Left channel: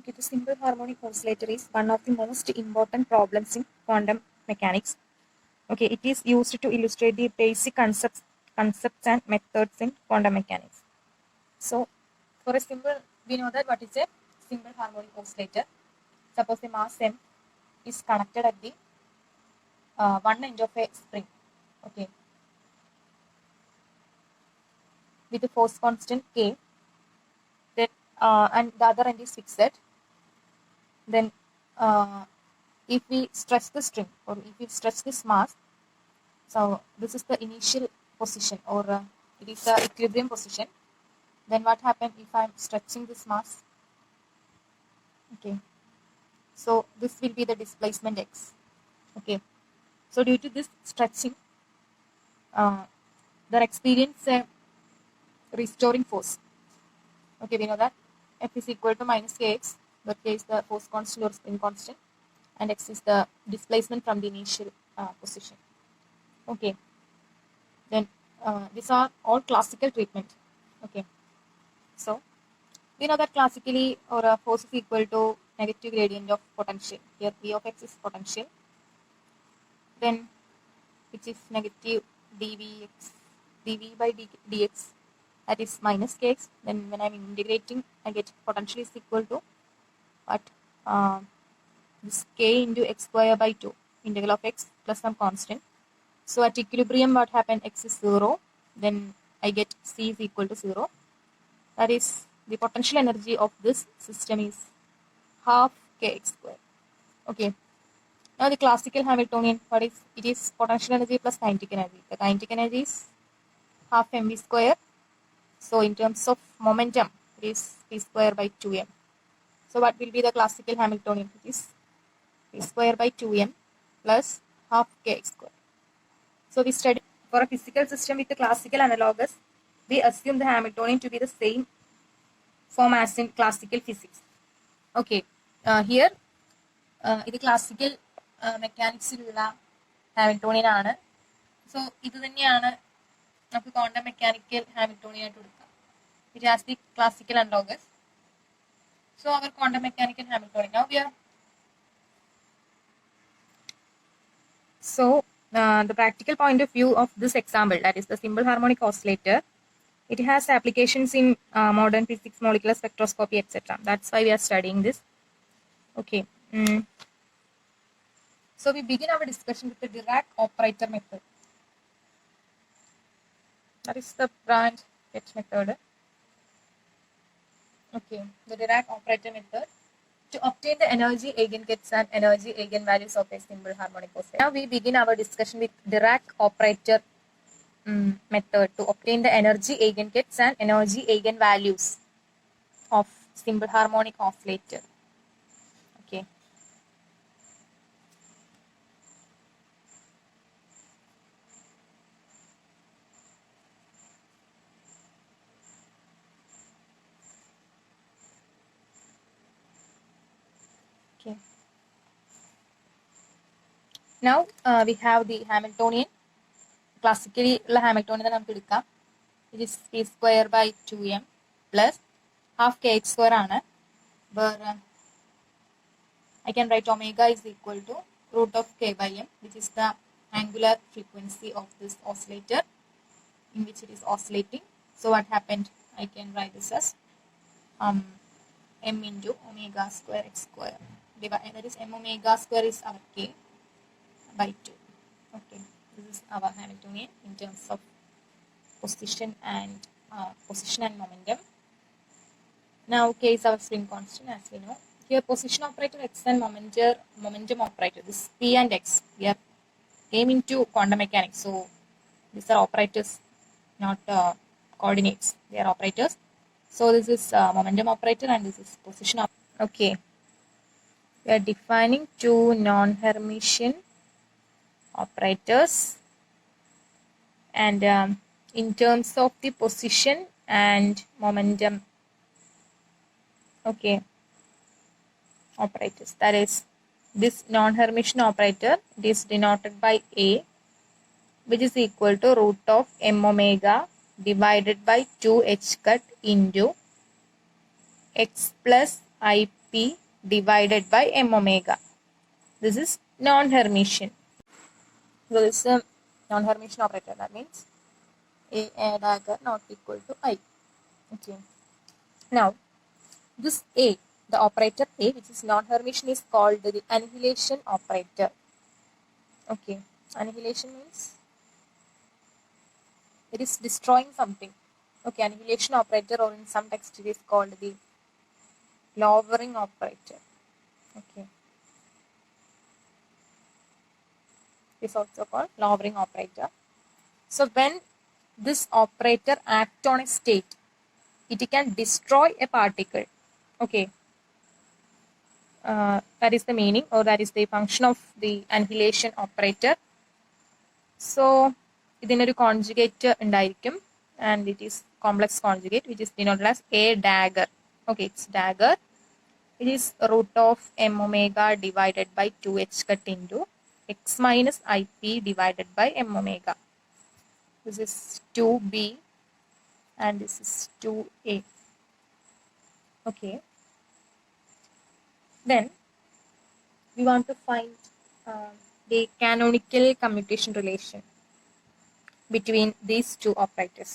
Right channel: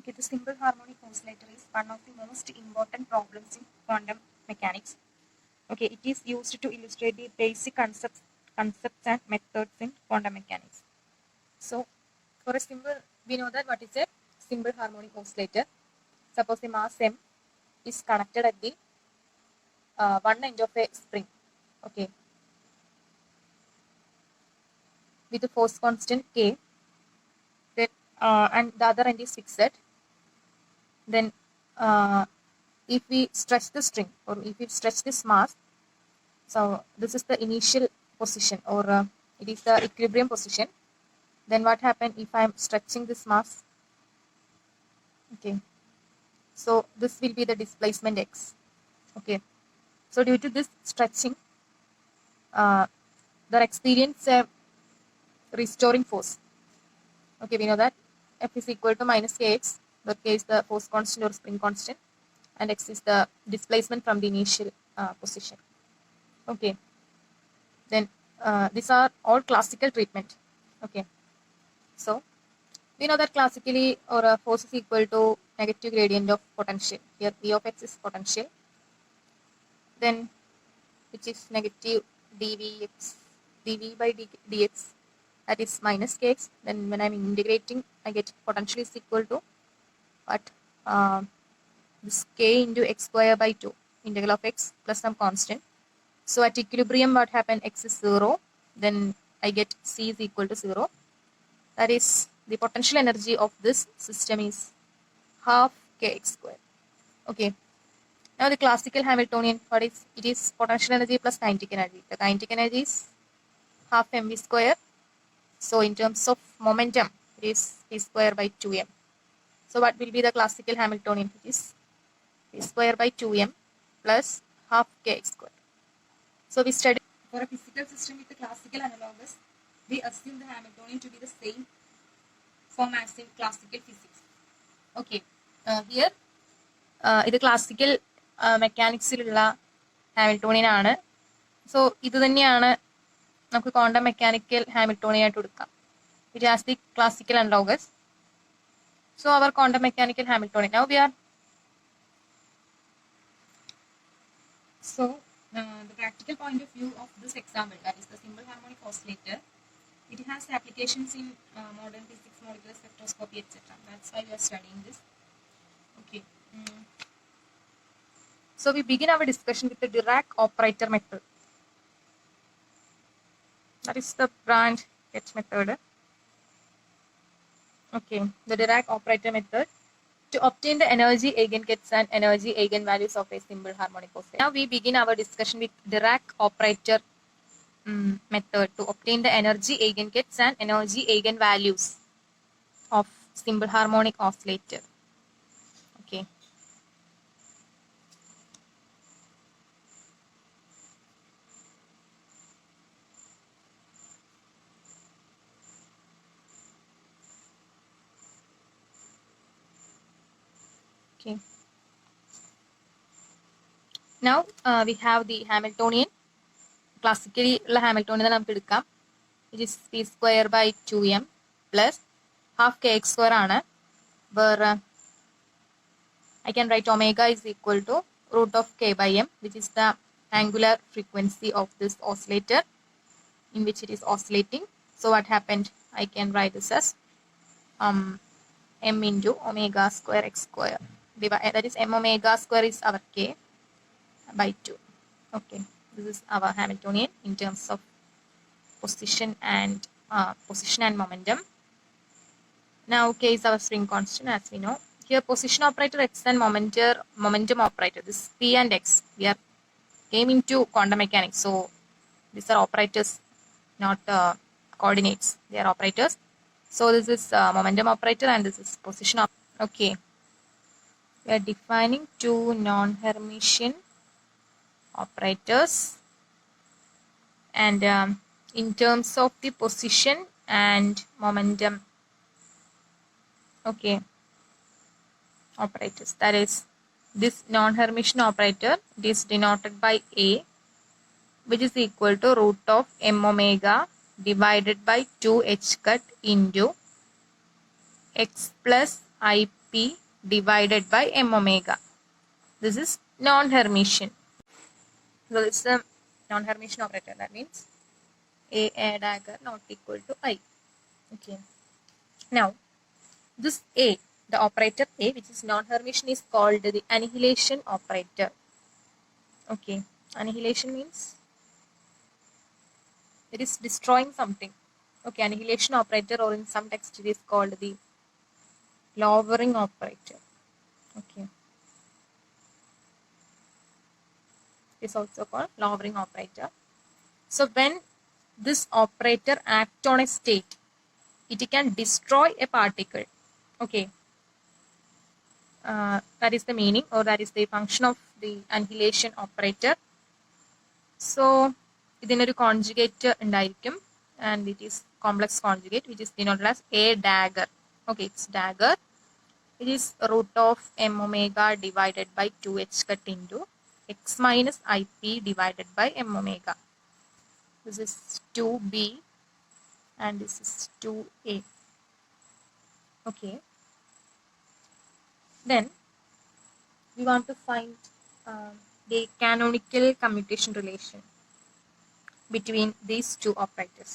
Okay, the simple harmonic oscillator is one of the most important problems in quantum mechanics. Okay, it is used to illustrate the basic concepts and methods in quantum mechanics. So, for a simple, we know that what is a simple harmonic oscillator. Suppose the mass m is connected at the one end of a spring. Okay, with the force constant k, then and the other end is fixed. Then, if we stretch the string or if we stretch this mass, so this is the initial position or it is the equilibrium position. Then what happens if I am stretching this mass? Okay, so this will be the displacement x. Okay, so due to this stretching, there experience a restoring force. Okay, we know that F is equal to minus kx, where k is the force constant or spring constant, and x is the displacement from the initial position. Okay, then these are all classical treatment. Okay, so we know that classically or a force is equal to negative gradient of potential. Here V of x is potential. Then which is negative dv by dx, that is minus kx. Then when I'm integrating, I get potential is equal to what? This k into x square by 2 integral of x plus some constant. So at equilibrium what happened? X is 0. Then I get c is equal to 0. That is the potential energy of this system is half kx square. Okay. Now the classical Hamiltonian, what is it? Is potential energy plus kinetic energy. The kinetic energy is half mv square. So in terms of momentum, it is p square by 2m. So what will be the classical Hamiltonian? It is p square by 2m plus half kx square. So we study for a physical system with the classical analogous, we assume the Hamiltonian to be the same form as in classical physics. Okay, here ഇത് classical മെക്കാനിക്സിലുള്ള Hamiltonian ആണ്. So ഇത് തന്നെയാണ് നമുക്ക് quantum mechanical Hamiltonian ആയിട്ട് എടുക്കാം. It has the classical analogous. So our quantum mechanical Hamiltonian. Now we are so the practical point of view of this example, that is the simple harmonic oscillator, it has applications in modern physics, molecular spectroscopy, etc. That's why we are studying this. Okay. So we begin our discussion with the Dirac operator method. That is the branch H method. Okay, the Dirac operator method to obtain the energy eigengets and energy eigenvalues of a simple harmonic oscillator. Now we begin our discussion with Dirac operator method to obtain the energy eigengets and energy eigenvalues of simple harmonic oscillator. Okay. Okay. Now we have the Hamiltonian. Classically, the Hamiltonian നമുക്ക് എടുക്കാം. It is p square by 2m plus half kx square ആണ്. Where I can write omega is equal to root of k by m, which is the angular frequency of this oscillator in which it is oscillating. So what happened? I can write this as m into omega square x square. That is m omega square is our k by 2. Okay, this is our Hamiltonian in terms of position and momentum. Now k is our spring constant, as we know. Here position operator x and momentum operator, this p and x, we are came into quantum mechanics. So these are operators, not coordinates. They are operators. So this is momentum operator and this is position operator. Okay. We are defining two non-Hermitian operators, and in terms of the position and momentum, okay, operators, that is this non-Hermitian operator, it is denoted by a, which is equal to root of m omega divided by 2 h cut into x plus I IP divided by M omega. This is non-Hermitian. So this is a non-Hermitian operator. That means A dagger not equal to I. Okay. Now, this A, the operator A, which is non-Hermitian, is called the annihilation operator. Okay. Annihilation means it is destroying something. Okay. Annihilation operator, or in some text it is called the lowering operator. Okay. It is also called lowering operator. So when this operator acts on a state, it can destroy a particle. Okay. That is the meaning, or that is the function of the annihilation operator. So ഇതിനൊരു conjugate ഉണ്ടായിരിക്കും, and it is complex conjugate, which is denoted as a dagger. Okay, it's dagger. It is root of m omega divided by 2h cut into x minus ip divided by m omega. This is 2b and this is 2a. Okay. Then we want to find the canonical commutation relation between these two operators.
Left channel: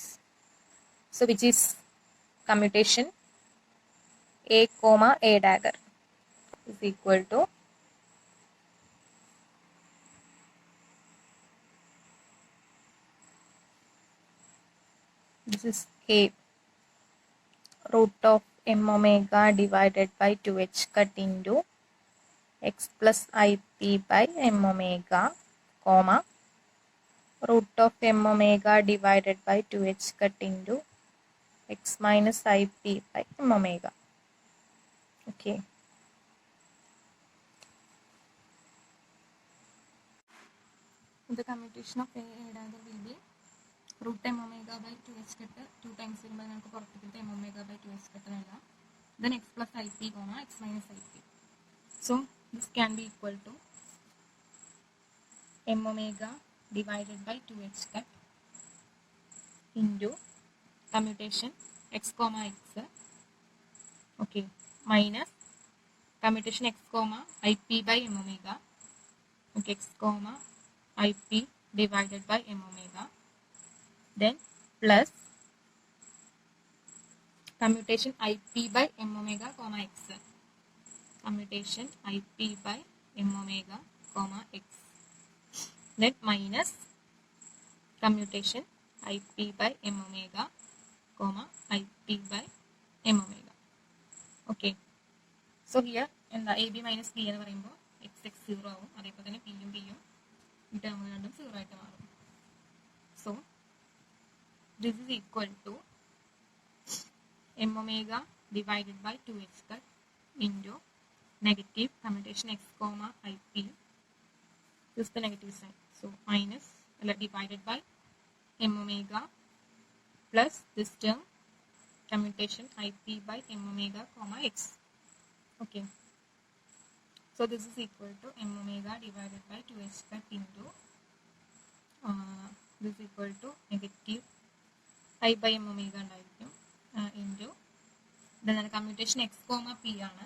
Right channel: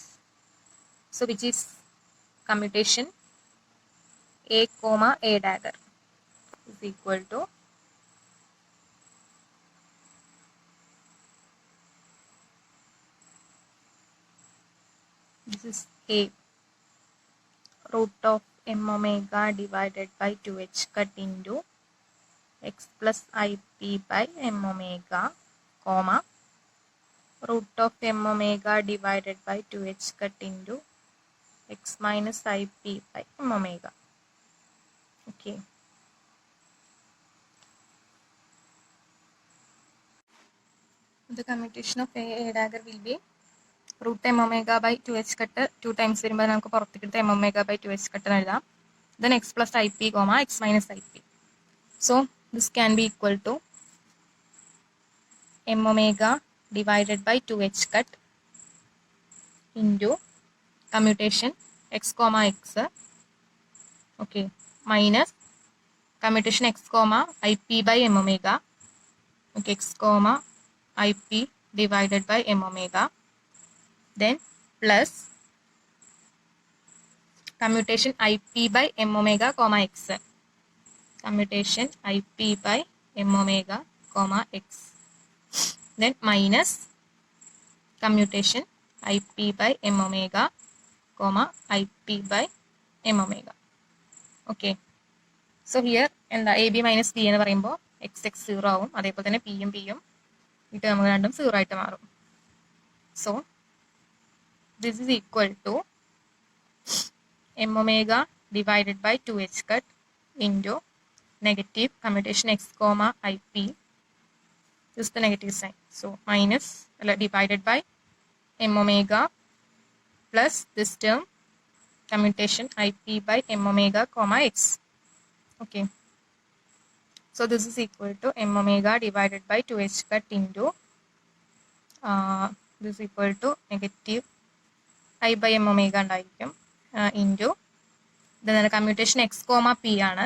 So which is commutation a comma a dagger is equal to this is a root of m omega divided by 2h cut into x plus ip by m omega, comma root of m omega divided by 2h cut into x minus ip by m omega. Okay. The commutation of a dagger will be root m omega by 2h cut 2 times വരുമ്പോൾ നമുക്ക് പുറത്തേക്ക് m omega by 2h cut എഴുതാം. Then x plus ip comma x minus ip. So this can be equal to m omega divided by 2h cut into commutation x comma x, okay, minus commutation x comma ip by m omega, okay, x comma ip divided by m omega, then plus commutation ip by m omega comma x, commutation ip by m omega comma x, then minus commutation ip by m omega comma ip by m omega. Okay. So here എന്താ A B minus B എന്ന് പറയുമ്പോൾ X X 0 ആവും, അതേപോലെ തന്നെ പിയും പിയും ഇട്ട് നമുക്ക് രണ്ടും 0 ആയിട്ട് മാറും. So this is equal to m omega divided by 2h cut into negative commutation x comma ip. This is the negative sign. So minus divided by m omega plus this term commutation ip by m omega comma x. Okay. So this is equal to m omega divided by 2h cut into this is equal to negative I by m omega ഉണ്ടായിരിക്കും into then commutation x comma p ആണ്.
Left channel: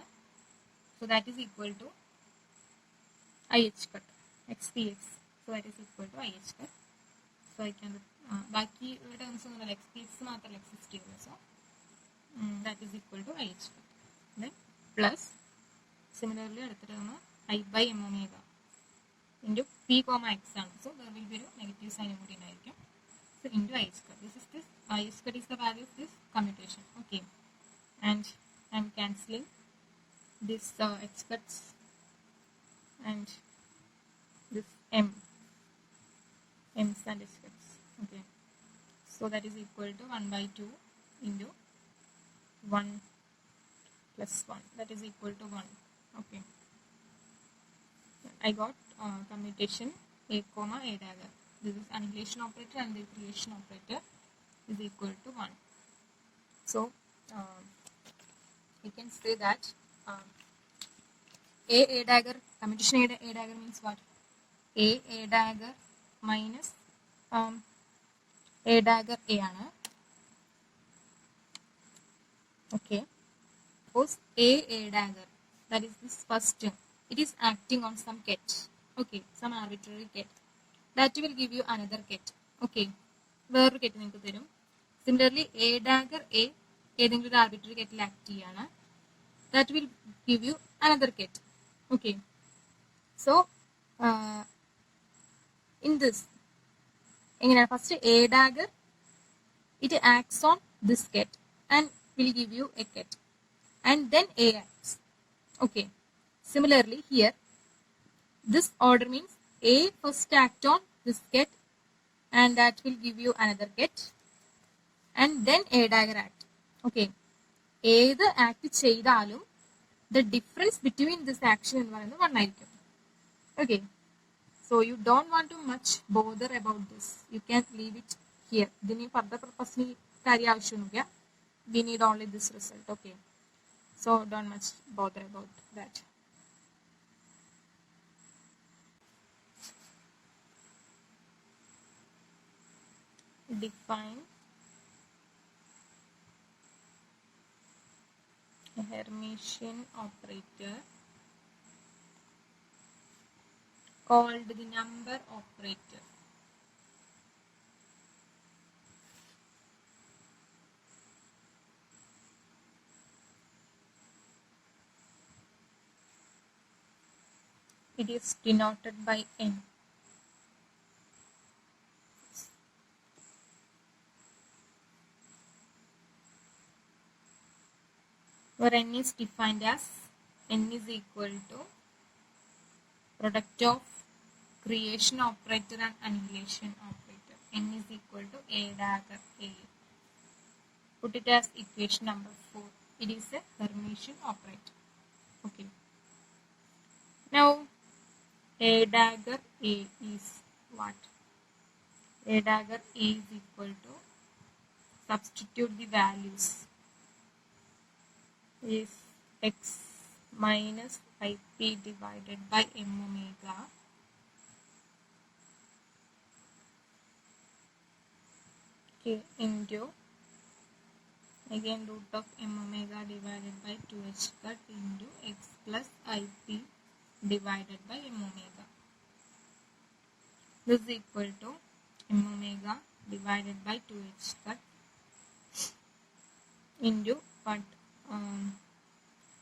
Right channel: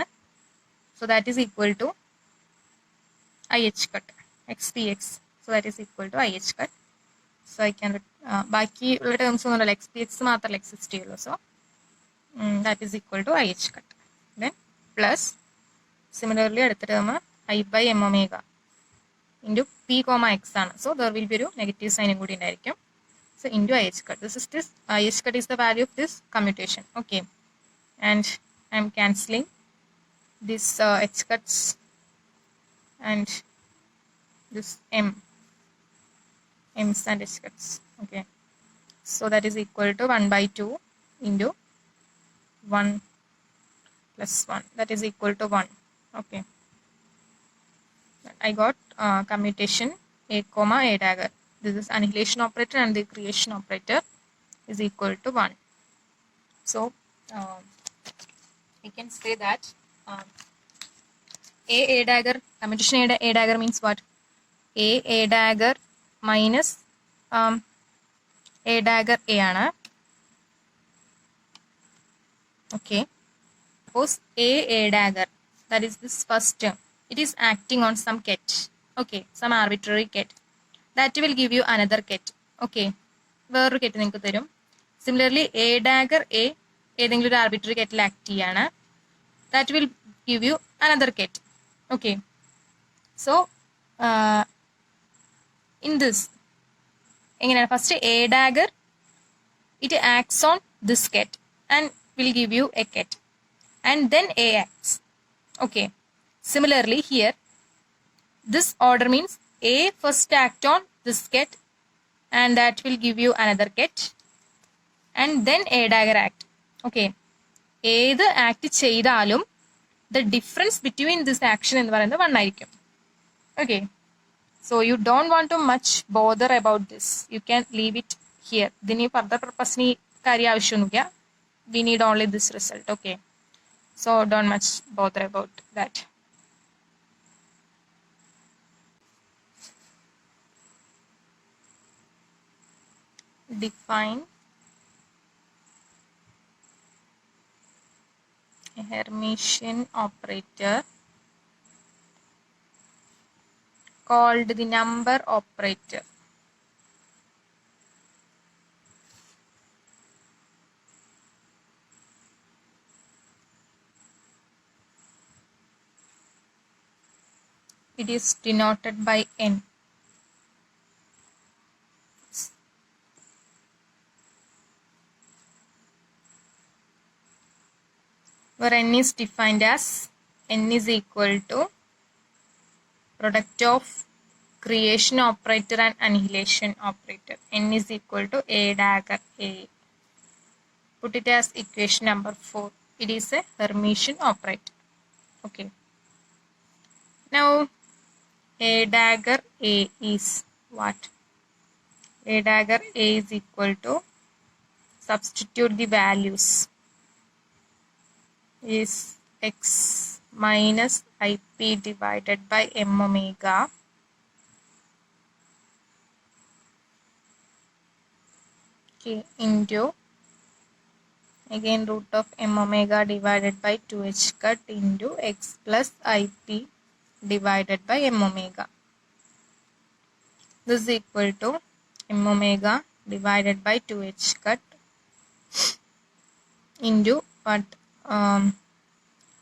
So that is equal to ih cut xpx. So that is equal to ih cut. So I can ബാക്കി ഉള്ള ടേംസ് ഒന്നുമല്ല, xpx മാത്രമല്ല എക്സിസ്റ്റ് ചെയ്യുള്ളൂ. So that is equal to ih cut. Then plus similarly അടുത്ത term I by m omega into p comma x ആണ്. So there will be ഒരു നെഗറ്റീവ് സൈനും കൂടി ഉണ്ടായിരിക്കും. So into ih cut. This ih cut is the value of this commutation. Okay. And I am cancelling this h cuts and this m's and h cuts. Okay. So that is equal to 1 by 2 into 1 plus 1. That is equal to 1. Okay. I got commutation a comma a dagger. This is annihilation operator and the creation operator is equal to 1. So we can say that a dagger, commutation a dagger means what? A dagger minus a dagger a ആണ്. Okay. Suppose a dagger that is this first term, it is acting on some ket, okay, some arbitrary ket, that will give you another ket, okay, വേറൊരു ket നിങ്ങൾക്ക് തരും. Similarly, a dagger a ഏതെങ്കിലും ഒരു arbitrary ketൽ ആക്ട് ചെയ്യാണ്, that will give you another ket, okay. So in this എങ്ങനെയാണ്, first a dagger it acts on this ket and will give you a ket, and then a acts, okay. Similarly here, this order means a first act on this ket and that will give you another ket, and then a dagger act, okay. ഏത് ആക്ട് ചെയ്താലും the difference between this action എന്ന് പറയുന്നത് 1 ആയിരിക്കും, okay. So you don't want to much bother about this, you can leave it here. ഇതിന് further purpose ni കാര്യം ആവശ്യമൊന്നുമില്ല, we need only this result, okay. So don't much bother about that. Define a Hermitian operator called the number operator. It is denoted by n. Where n is defined as n is equal to product of creation operator and annihilation operator. N is equal to a dagger a. Put it as equation number 4. It is a Hermitian operator, okay. Now a dagger a is what? A dagger a is equal to, substitute the values, is x minus ip divided by m omega okay, into again root of m omega divided by 2h cut into x plus ip divided by m omega. This is equal to m omega divided by 2h cut into what,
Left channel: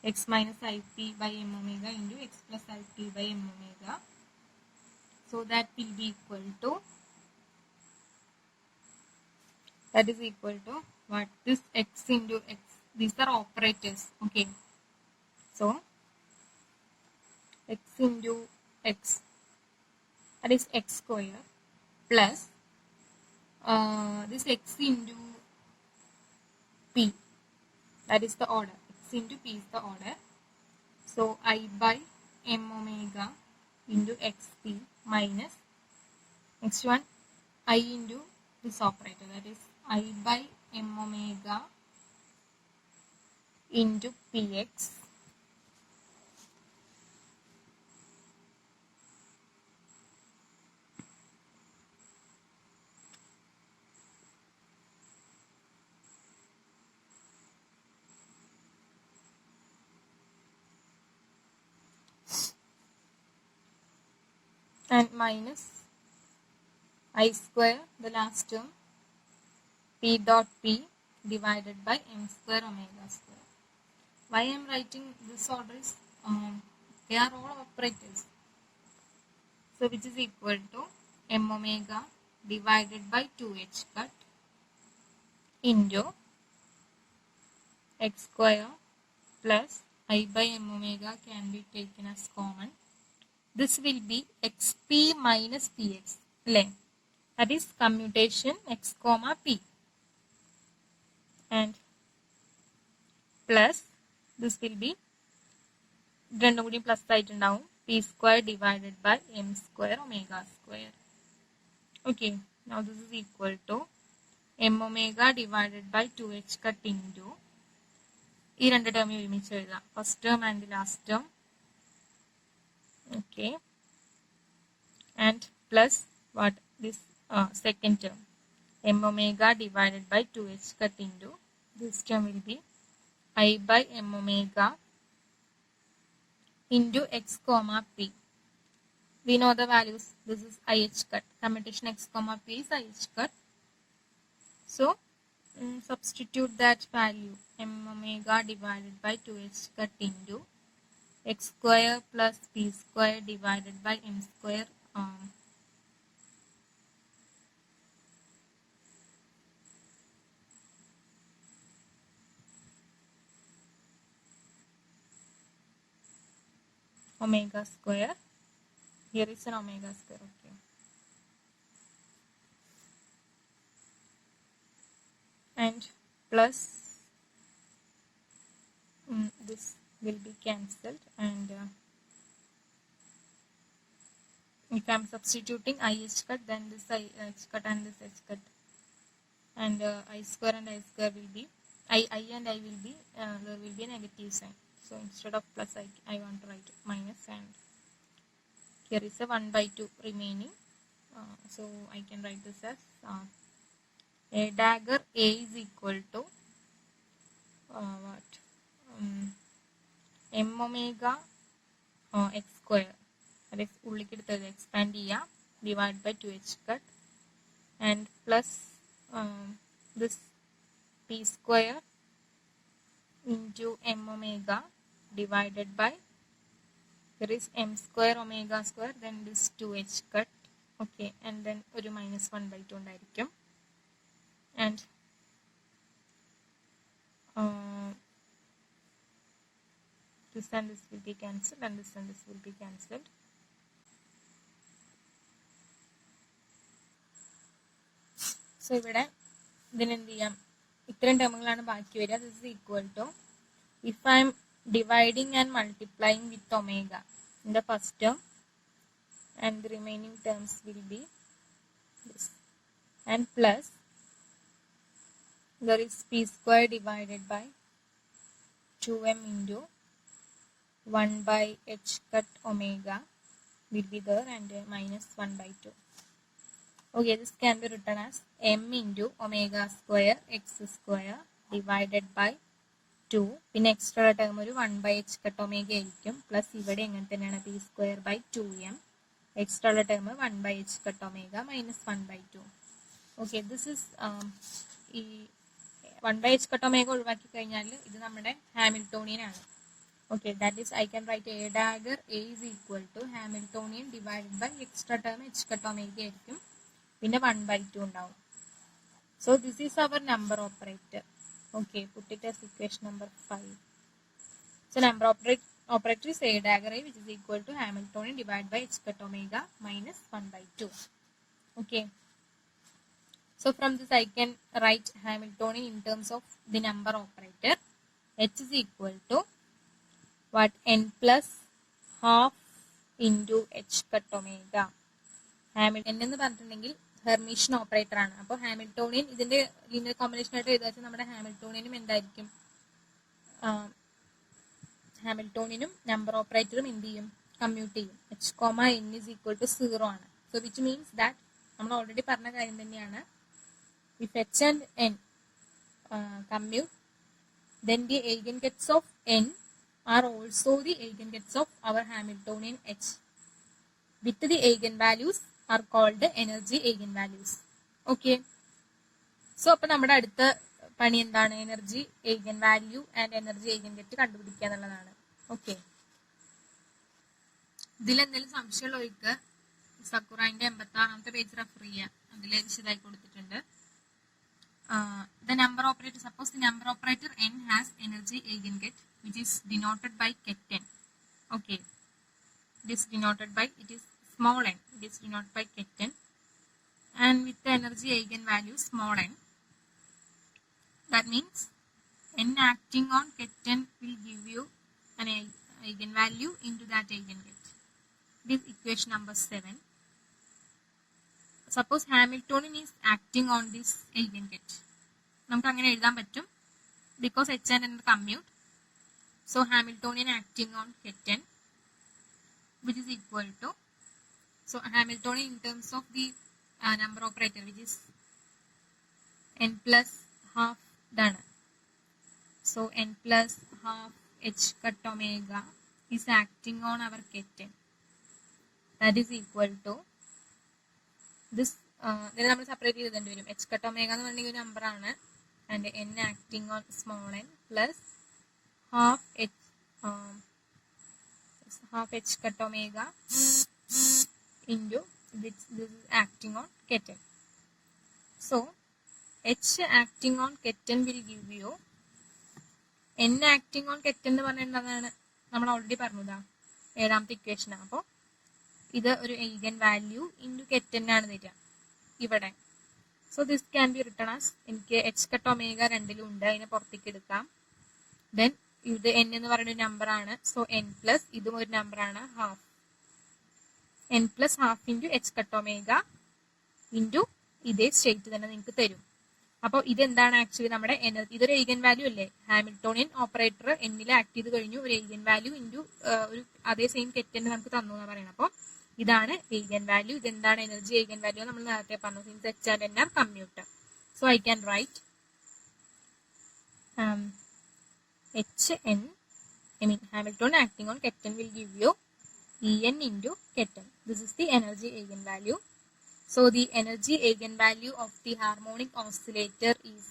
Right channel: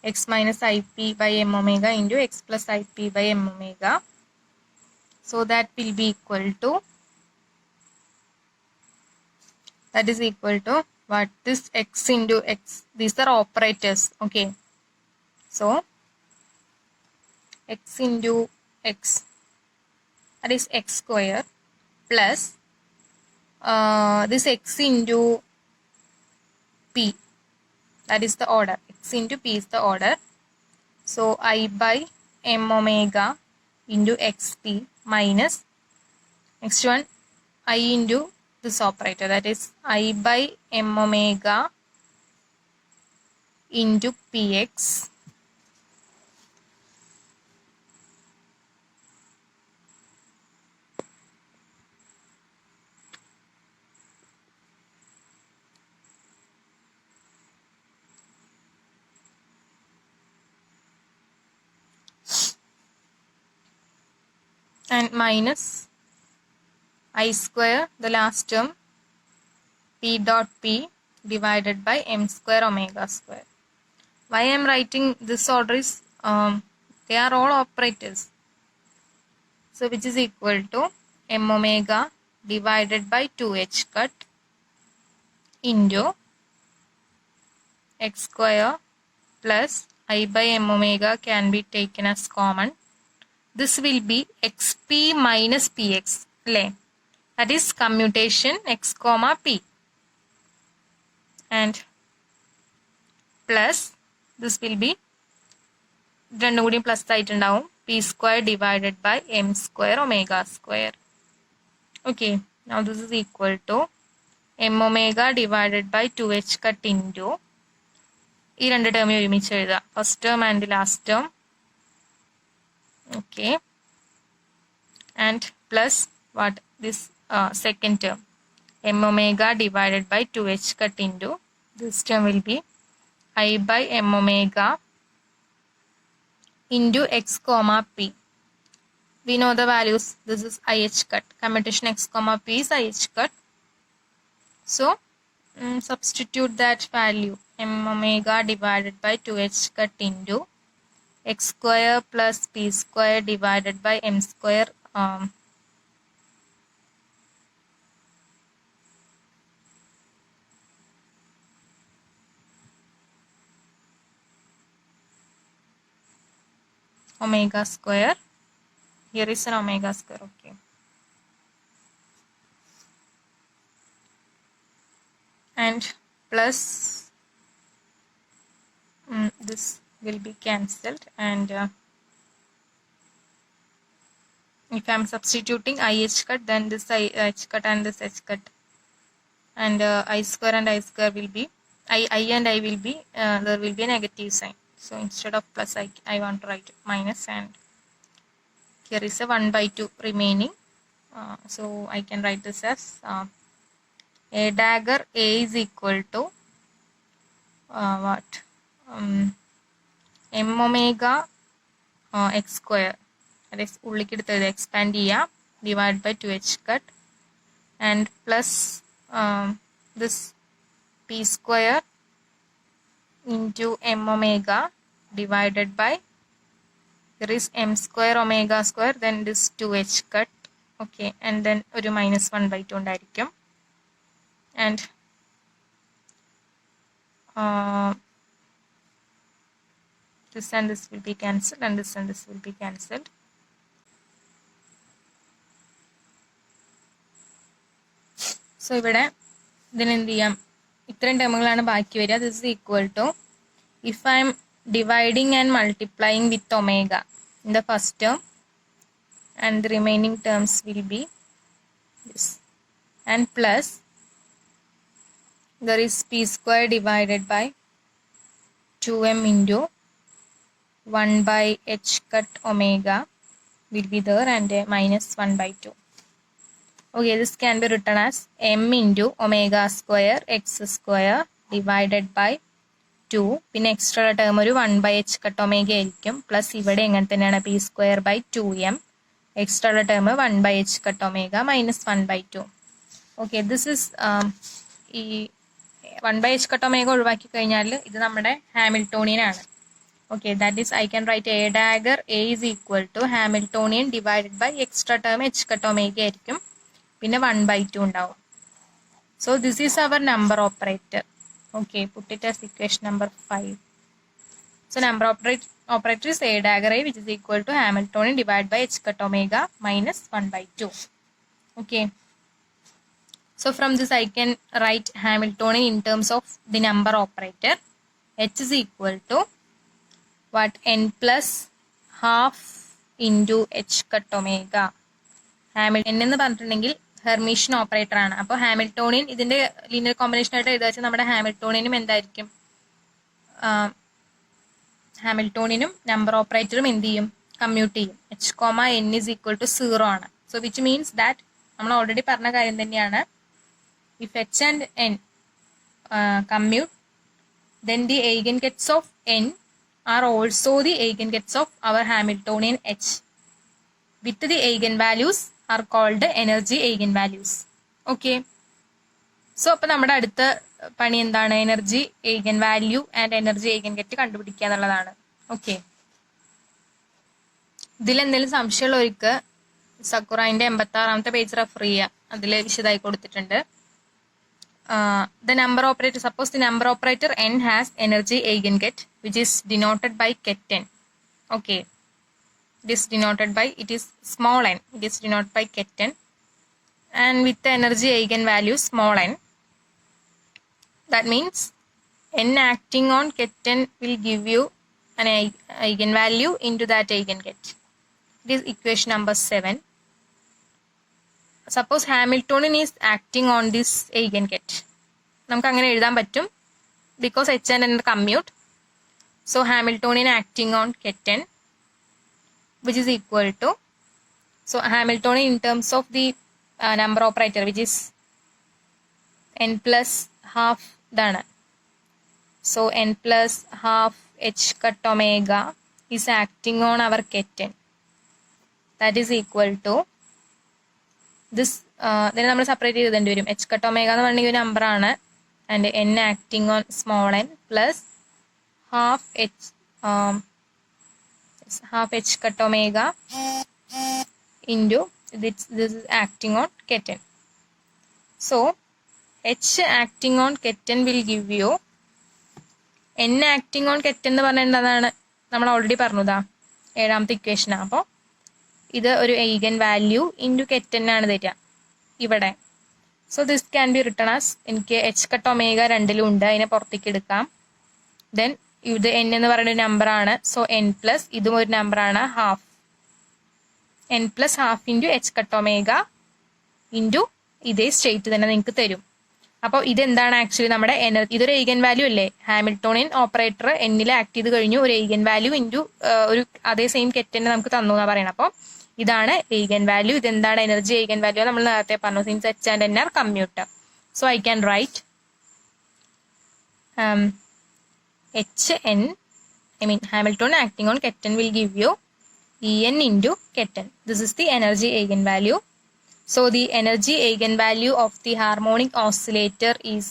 x minus ip by m omega into x plus ip by m omega. So that will be equal to, that is equal to what, this x into x, these are operators, okay. So x into x, that is x square, plus this x into p, that is the order, x into p is the order. So I by m omega into xp minus next one I into this operator, that is I by m omega into px and minus I square, the last term, p dot p divided by m square omega square. Why I am writing this order is, they are all operators. So which is equal to m omega divided by 2h cut into x square plus I by m omega can be taken as common. This will be xp minus px, that is commutation x comma p, and plus this will be രണ്ടും കൂടി പ്ലസ് ആയിട്ടുണ്ടാവും, p square divided by m square omega square, okay. Now this is equal to m omega divided by 2h cut into ഈ രണ്ട് ടേമിനെ ഒരുമിച്ച് എഴുതുക, first term and last term, okay, and plus what, this second term, m omega divided by 2h cut into, this term will be I by m omega into x comma p. We know the values. This is IH cut. Commutation x comma p is IH cut. So substitute that value m omega divided by 2h cut into x square plus p square divided by m square omega square. Here is an omega square. Okay. And plus this will be cancelled, and if I am substituting IH cut, then this IH cut and this H cut, and I square and I square will be I and I will be there will be a negative sign. So instead of plus I want to write minus, and here is a 1/2 remaining. So I can write this as a dagger A is equal to what? M omega x square, that is expand divided by 2h cut, and plus this p square into m omega divided by, there is m square omega square, then this 2h cut. Okay, and then ഒരു minus 1/2 ഉണ്ടായിരിക്കും, and this and this will be cancelled, and this and this will be cancelled. So ഇവിടെ ഇതിന് എന്ത് ചെയ്യാം, ഇത്രയും ടേമുകളാണ് ബാക്കി വരിക. This is equal to, if I am dividing and multiplying with omega in the first term, and the remaining terms will be this, and plus there is p square divided by 2m into 1/h cut omega will be there, and minus 1/2. Okay, this can be written as m into omega square x square divided by 2. പിന്നെ extra term ഒരു 1/h cut omega ആയിരിക്കും, പ്ലസ് ഇവിടെ എങ്ങനെ തന്നെയാണ് p square by 2m, extra term 1/h cut omega minus 1/2. Okay, this is ഈ 1/h cut omega ഒഴിവാക്കി കഴിഞ്ഞാൽ ഇത് നമ്മുടെ ഹാമിൽട്ടോണിയൻ ആണ്. Okay, that is I can write a dagger A is equal to Hamiltonian divided by extra term h cut omega ആയിരിക്കും, പിന്നെ 1/2 ഉണ്ടാവും. So this is our number operator. Okay, put it as equation number 5. So number operator is A dagger A, which is equal to Hamiltonian divided by h cut omega minus 1/2. Okay. So from this I can write Hamiltonian in terms of the number operator. H is equal to what? N plus half into h cut omega. Hamilton എന്ന് പറഞ്ഞിട്ടുണ്ടെങ്കിൽ Hermitian operator ആണ്. അപ്പോൾ ഹാമിൽട്ടോണിയൻ ഇതിന്റെ linear combination ആയിട്ട് എഴുതാ വെച്ചാൽ നമ്മുടെ ഹാമിൽട്ടോണിയനും എന്തായിരിക്കും, ഹാമിൽട്ടോണിയനും നമ്പർ ഓപ്പറേറ്ററും എന്ത് ചെയ്യും, കമ്മ്യൂട്ട് ചെയ്യും. h, n is equal to 0 ആണ്. സോ വിച്ച് മീൻസ് ദാറ്റ് നമ്മൾ ഓൾറെഡി പറഞ്ഞ കാര്യം തന്നെയാണ്, if h and n commute, then the eigengets of n are also the eigengets of our Hamiltonian H, with the eigenvalues are called energy eigenvalues. Okay, so അപ്പോൾ നമ്മുടെ അടുത്ത പണി എന്താണ്, energy eigen value and energy eigenget കണ്ടുപിടിക്കുക എന്നുള്ളതാണ്. ഓക്കെ, ഇതിലെന്തെങ്കിലും സംശയമുള്ളവർക്ക് സക്കുറൈൻ്റെ 86ാമത്തെ പേജ് റെഫർ ചെയ്യുക, അതിൽ വിശദമായി കൊടുത്തിട്ടുണ്ട്. The number operator, suppose the number operator n has energy eigenget which is denoted by ket n. Okay, it is denoted by, it is small n, it is denoted by ket n, and with the energy eigenvalue small n, that means n acting on ket n will give you an eigenvalue into that eigenget. It is equation number 7. Suppose Hamiltonian is acting on this eigenget. നമുക്ക് അങ്ങനെ എഴുതാൻ പറ്റും, because h and n commute. So Hamiltonian acting on ket n, which is equal to, so Hamiltonian in terms of the number operator, which is n plus half ഇതാണ്. So n plus half h cut omega is acting on our keten. That is equal to this. Then നമ്മൾ സെപ്പറേറ്റ് ചെയ്തേണ്ടി വരും. h cut omega എന്ന് പറഞ്ഞ ഒരു നമ്പർ ആണ്, and n acting on small n plus half h cut omega into this is acting on keten. So h acting on keten will give you n acting on keten എന്ന് പറഞ്ഞാൽ എന്താണ് നമ്മൾ ഓൾറെഡി പറഞ്ഞതാ, ഏഴാമത്തെ ഇക്വേഷനാണ്. അപ്പോൾ ഇത് ഒരു eigen വാല്യൂ ഇൻറ്റു keten ആണ് തരിക ഇവിടെ. So this can be written as, എനിക്ക് h cut omega രണ്ടിലും ഉണ്ട്, അതിനെ പുറത്തേക്ക് എടുക്കാം. ദെൻ ഇത് n എന്ന് പറയുന്ന ഒരു നമ്പർ ആണ്, സോ n പ്ലസ് ഇതും ഒരു നമ്പർ ആണ്, half n plus half into h cut omega into ഇതേ സ്റ്റേറ്റ് തന്നെ നിങ്ങൾക്ക് തരും. അപ്പോൾ ഇതെന്താണ് ആക്ച്വലി നമ്മുടെ എനർജി, ഇതൊരു eigen വാല്യൂ അല്ലേ, ഹാമിൽട്ടോണിയൻ ഓപ്പറേറ്റർ എന്നിൽ ആക്ട് ചെയ്ത് കഴിഞ്ഞു, ഒരു eigen വാല്യൂ ഇൻറ്റു ഒരു അതേ സെയിം കെറ്റനെ നമുക്ക് തന്നു എന്നാണ് പറയണം. അപ്പോൾ ഇതാണ് eigen വാല്യൂ. ഇതെന്താണ് എനർജി eigen വാല്യൂ നമ്മൾ നേരത്തെ പറഞ്ഞു, since h and n are commutator. So I can write hn, I mean Hamilton acting on keten will give you En into keten. This is the energy eigenvalue. So the energy eigenvalue of the harmonic oscillator is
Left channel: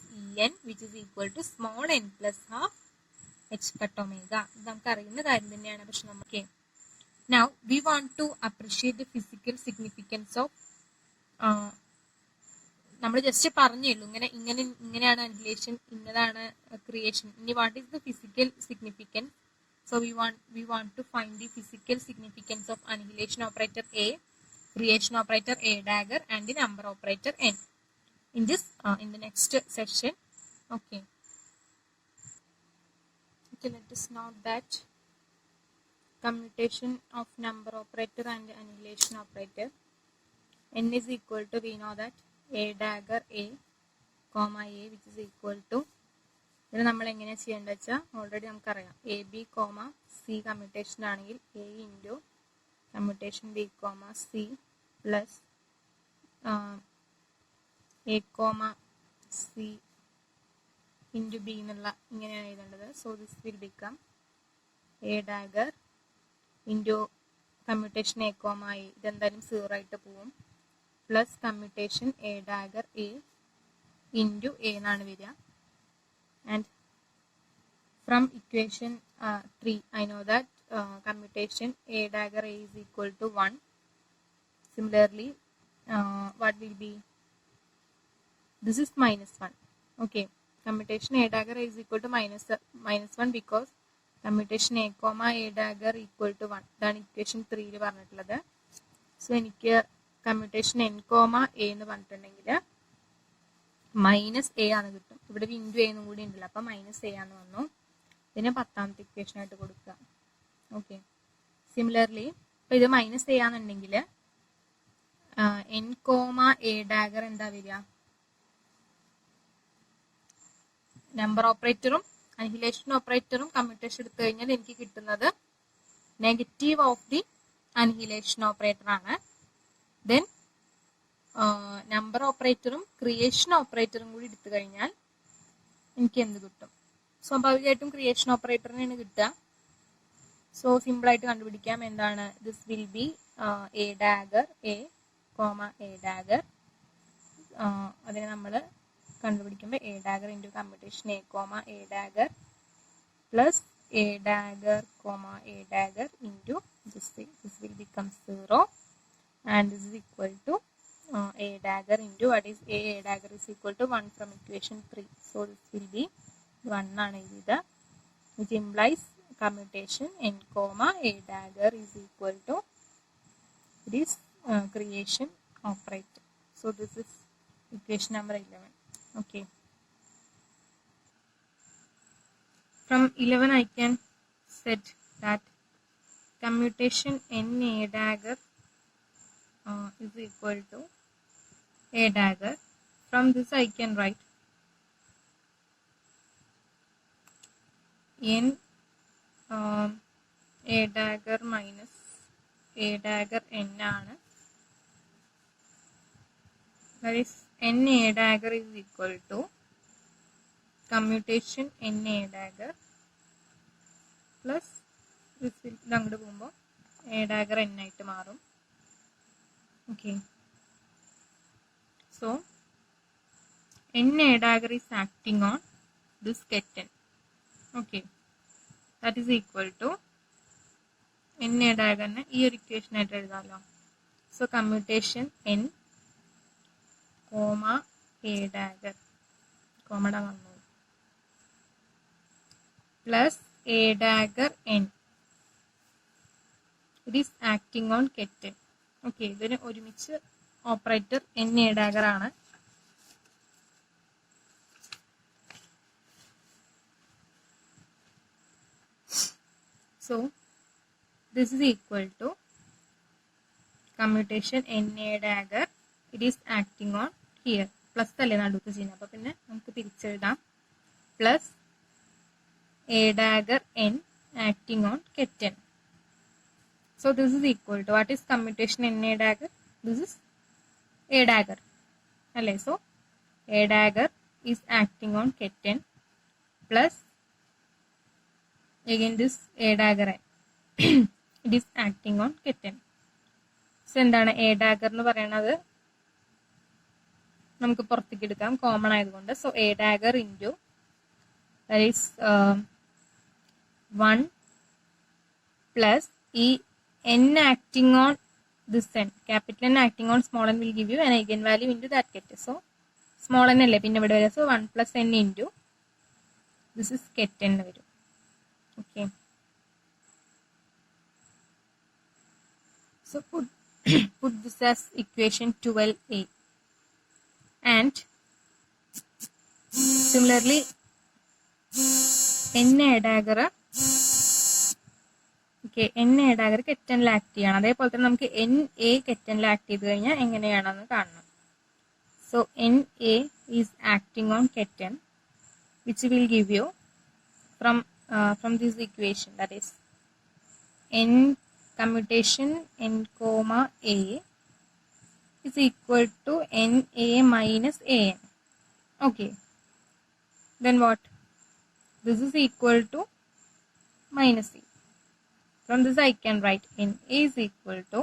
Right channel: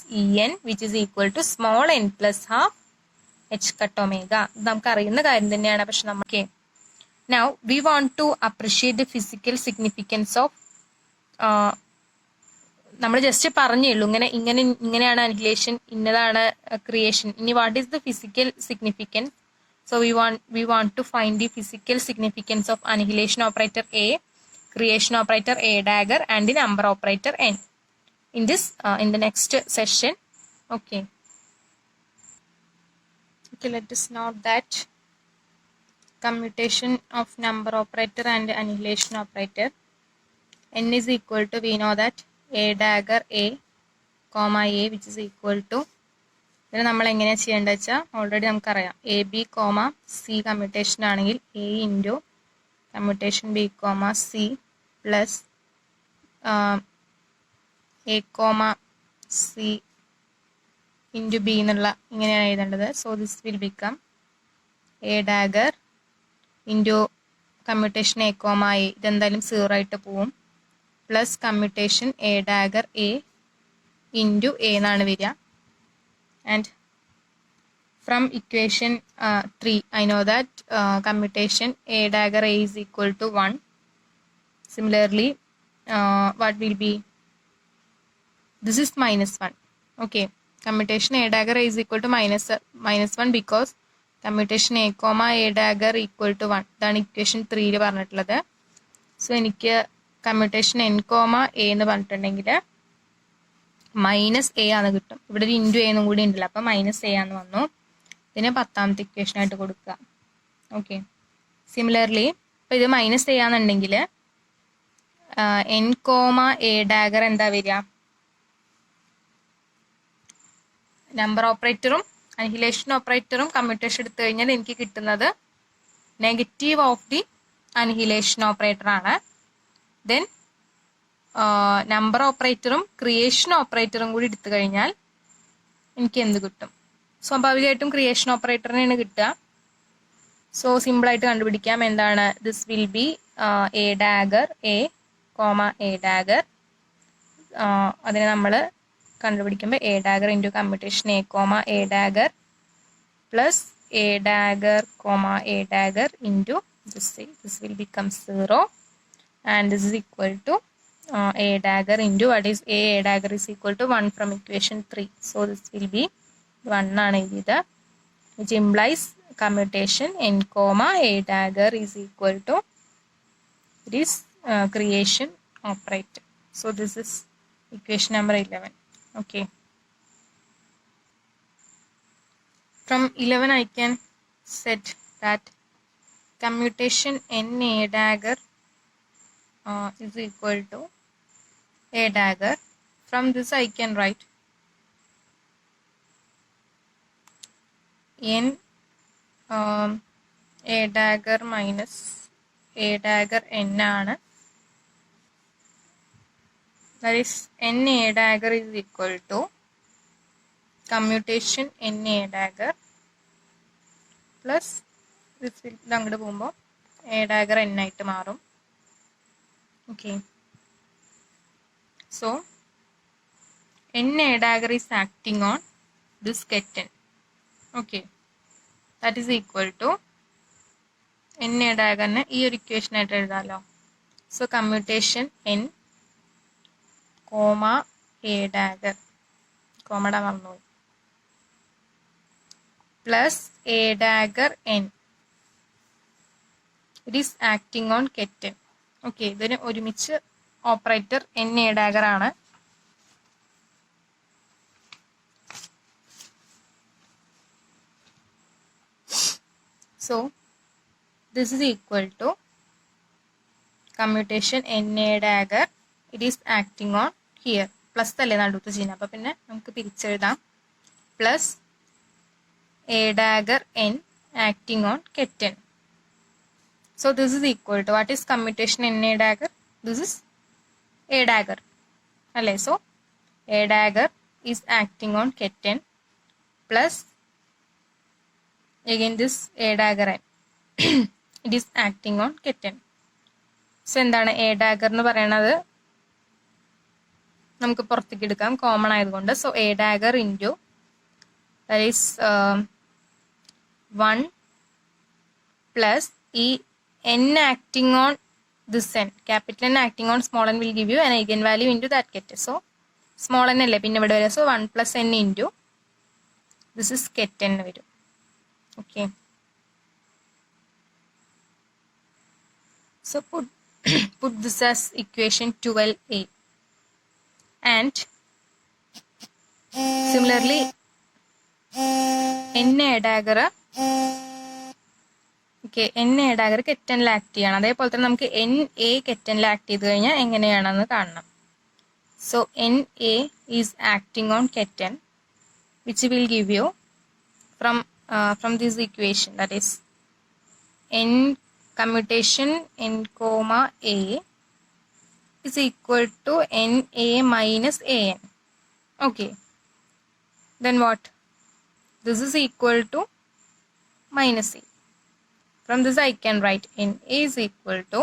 En, which is equal to small n plus half h cut omega. നമുക്ക് അറിയുന്ന കാര്യം തന്നെയാണ്, പക്ഷെ നമുക്ക് now we want to appreciate the physical significance of നമ്മൾ just പറഞ്ഞേ ഉള്ളൂ ഇങ്ങനെയാണ് അനിഹിലേഷൻ, ഇന്നതാണ് ക്രിയേഷൻ. ഇനി what is the physical significance? So we want to find the physical significance of annihilation operator A, creation operator A dagger, and the number operator N in this in the next session. Okay, let us note that commutation of number operator and annihilation operator. N is equal to, we know that A dagger A comma A, which is equal to, ഇതിന് നമ്മൾ എങ്ങനെയാണ് ചെയ്യേണ്ടത് വെച്ചാൽ already നമുക്കറിയാം, a b comma c commutation ആണെങ്കിൽ a into commutation b comma c plus a comma c into b എന്നുള്ള ഇങ്ങനെയാണ് എഴുതേണ്ടത്. So this will become a dagger into commutation a comma a, ഇതെന്തായാലും 0 ആയിട്ട് പോവും, plus commutation a dagger a into a എന്നാണ് വരിക. And from equation 3 I know that commutation A dagger A is equal to 1. Similarly what will be, this is -1. Okay, commutation A dagger A is equal to -1 because commutation A comma A dagger equal to 1. ഇതാണ് ഇക്വേഷൻ 3 പറഞ്ഞിട്ടുള്ളത്. സോ എനിക്ക് commutation n comma A എന്ന് പറഞ്ഞിട്ടുണ്ടെങ്കിൽ -a ആണ് കിട്ടും. ഇവിടെ ഒരു ഇൻറ്റു എന്നും കൂടി ഉണ്ടല്ലോ, അപ്പം -a ആന്ന് വന്നു. ഇതിനെ 10ാമത്തെ ഇക്വേഷൻ ആയിട്ട് കൊടുക്കുക. ഓക്കെ, സിമിലർലി ഇപ്പം ഇത് -a ആണെന്നുണ്ടെങ്കിൽ n കോമ എ ഡാഗർ എന്താ വരിക, നമ്പർ ഓപ്പറേറ്ററും അനിഹിലേഷൻ ഓപ്പറേറ്ററും കമ്മ്യൂട്ടേഷൻ എടുത്തു കഴിഞ്ഞാൽ എനിക്ക് കിട്ടുന്നത് negative of the annihilation operator ആണ്. ദെൻ നമ്പർ ഓപ്പറേറ്ററും ക്രിയേഷൻ ഓപ്പറേറ്ററും കൂടി എടുത്തു കഴിഞ്ഞാൽ എനിക്ക് എന്ത് കിട്ടും? സ്വാഭാവികമായിട്ടും ക്രിയേഷൻ ഓപ്പറേറ്ററിനാണ് കിട്ടുക. സോ സിമ്പിളായിട്ട് കണ്ടുപിടിക്കാം. എന്താണ്? This will be a dagger a comma a dagger. അതിനെ നമ്മൾ കണ്ടുപിടിക്കുമ്പോൾ a dagger into commutation a comma a dagger plus a dagger comma a dagger into this will become 0 and this is equal to a dagger into what is a dagger is equal to 1 from equation 3. So this will be 1 ആണ് ഇത്, which implies commutation n comma a dagger is equal to this creation operator. So this is equation number 11. Okay, from 11 I can set that commutation n a dagger is equal to a dagger. From this I can write n a dagger minus a dagger n ആണ്. That is n a dagger is equal to commutation n a dagger plus ഇത് അങ്ങോട്ട് പോകുമ്പോൾ A dagger n ആയിട്ട് മാറും. Okay, so n A dagger is acting on this ket n. Okay, that is equal to n a ഡാഗറിനെ ഈ ഒരു equation ആയിട്ട് എഴുതാമല്ലോ. So commutation n comma a dagger, കോമയുടെ മറന്നുപോയി, plus a dagger n, it is acting on ket n. Okay, ഇതിന് ഒരുമിച്ച് operator n A dagger ആണ്. So this is equal to commutation n a dagger, it is acting on here, plus അല്ലേ നടുത്ത് ചെയ്യുന്നത്, അപ്പോൾ പിന്നെ നമുക്ക് പിരിച്ചെഴുതാം, plus a dagger n acting on kitten. So this is equal to, what is commutation n a dagger? This is a dagger അല്ലേ. So a dagger is acting on kitten plus again this a dagger n it is acting on kitten. So എന്താണ് a dagger എന്ന് പറയണത്, നമുക്ക് പുറത്തേക്ക് എടുക്കാം common ആയതുകൊണ്ട്. So A dagger into that is 1 plus ഈ n acting on this n, capital n acting on small n will give you an eigen value into that ket. So small n അല്ലേ പിന്നെ ഇവിടെ വരും. So 1 plus n into this is ket എന്ന് വരും. Okay, so put this as equation 12a, and similarly n a dagger, okay, n a dagger കെറ്റനിൽ act ചെയ്യണം. അതേപോലെ തന്നെ നമുക്ക് n a കെറ്റനിൽ ആക്ട് ചെയ്ത് കഴിഞ്ഞാൽ എങ്ങനെയാണെന്ന് കാണണം. so n a is acting on kitten, which will give you from this equation, that is n commutation n comma a is equal to n a minus a n. Okay, then what? This is equal to minus a. From this I can write n a is equal to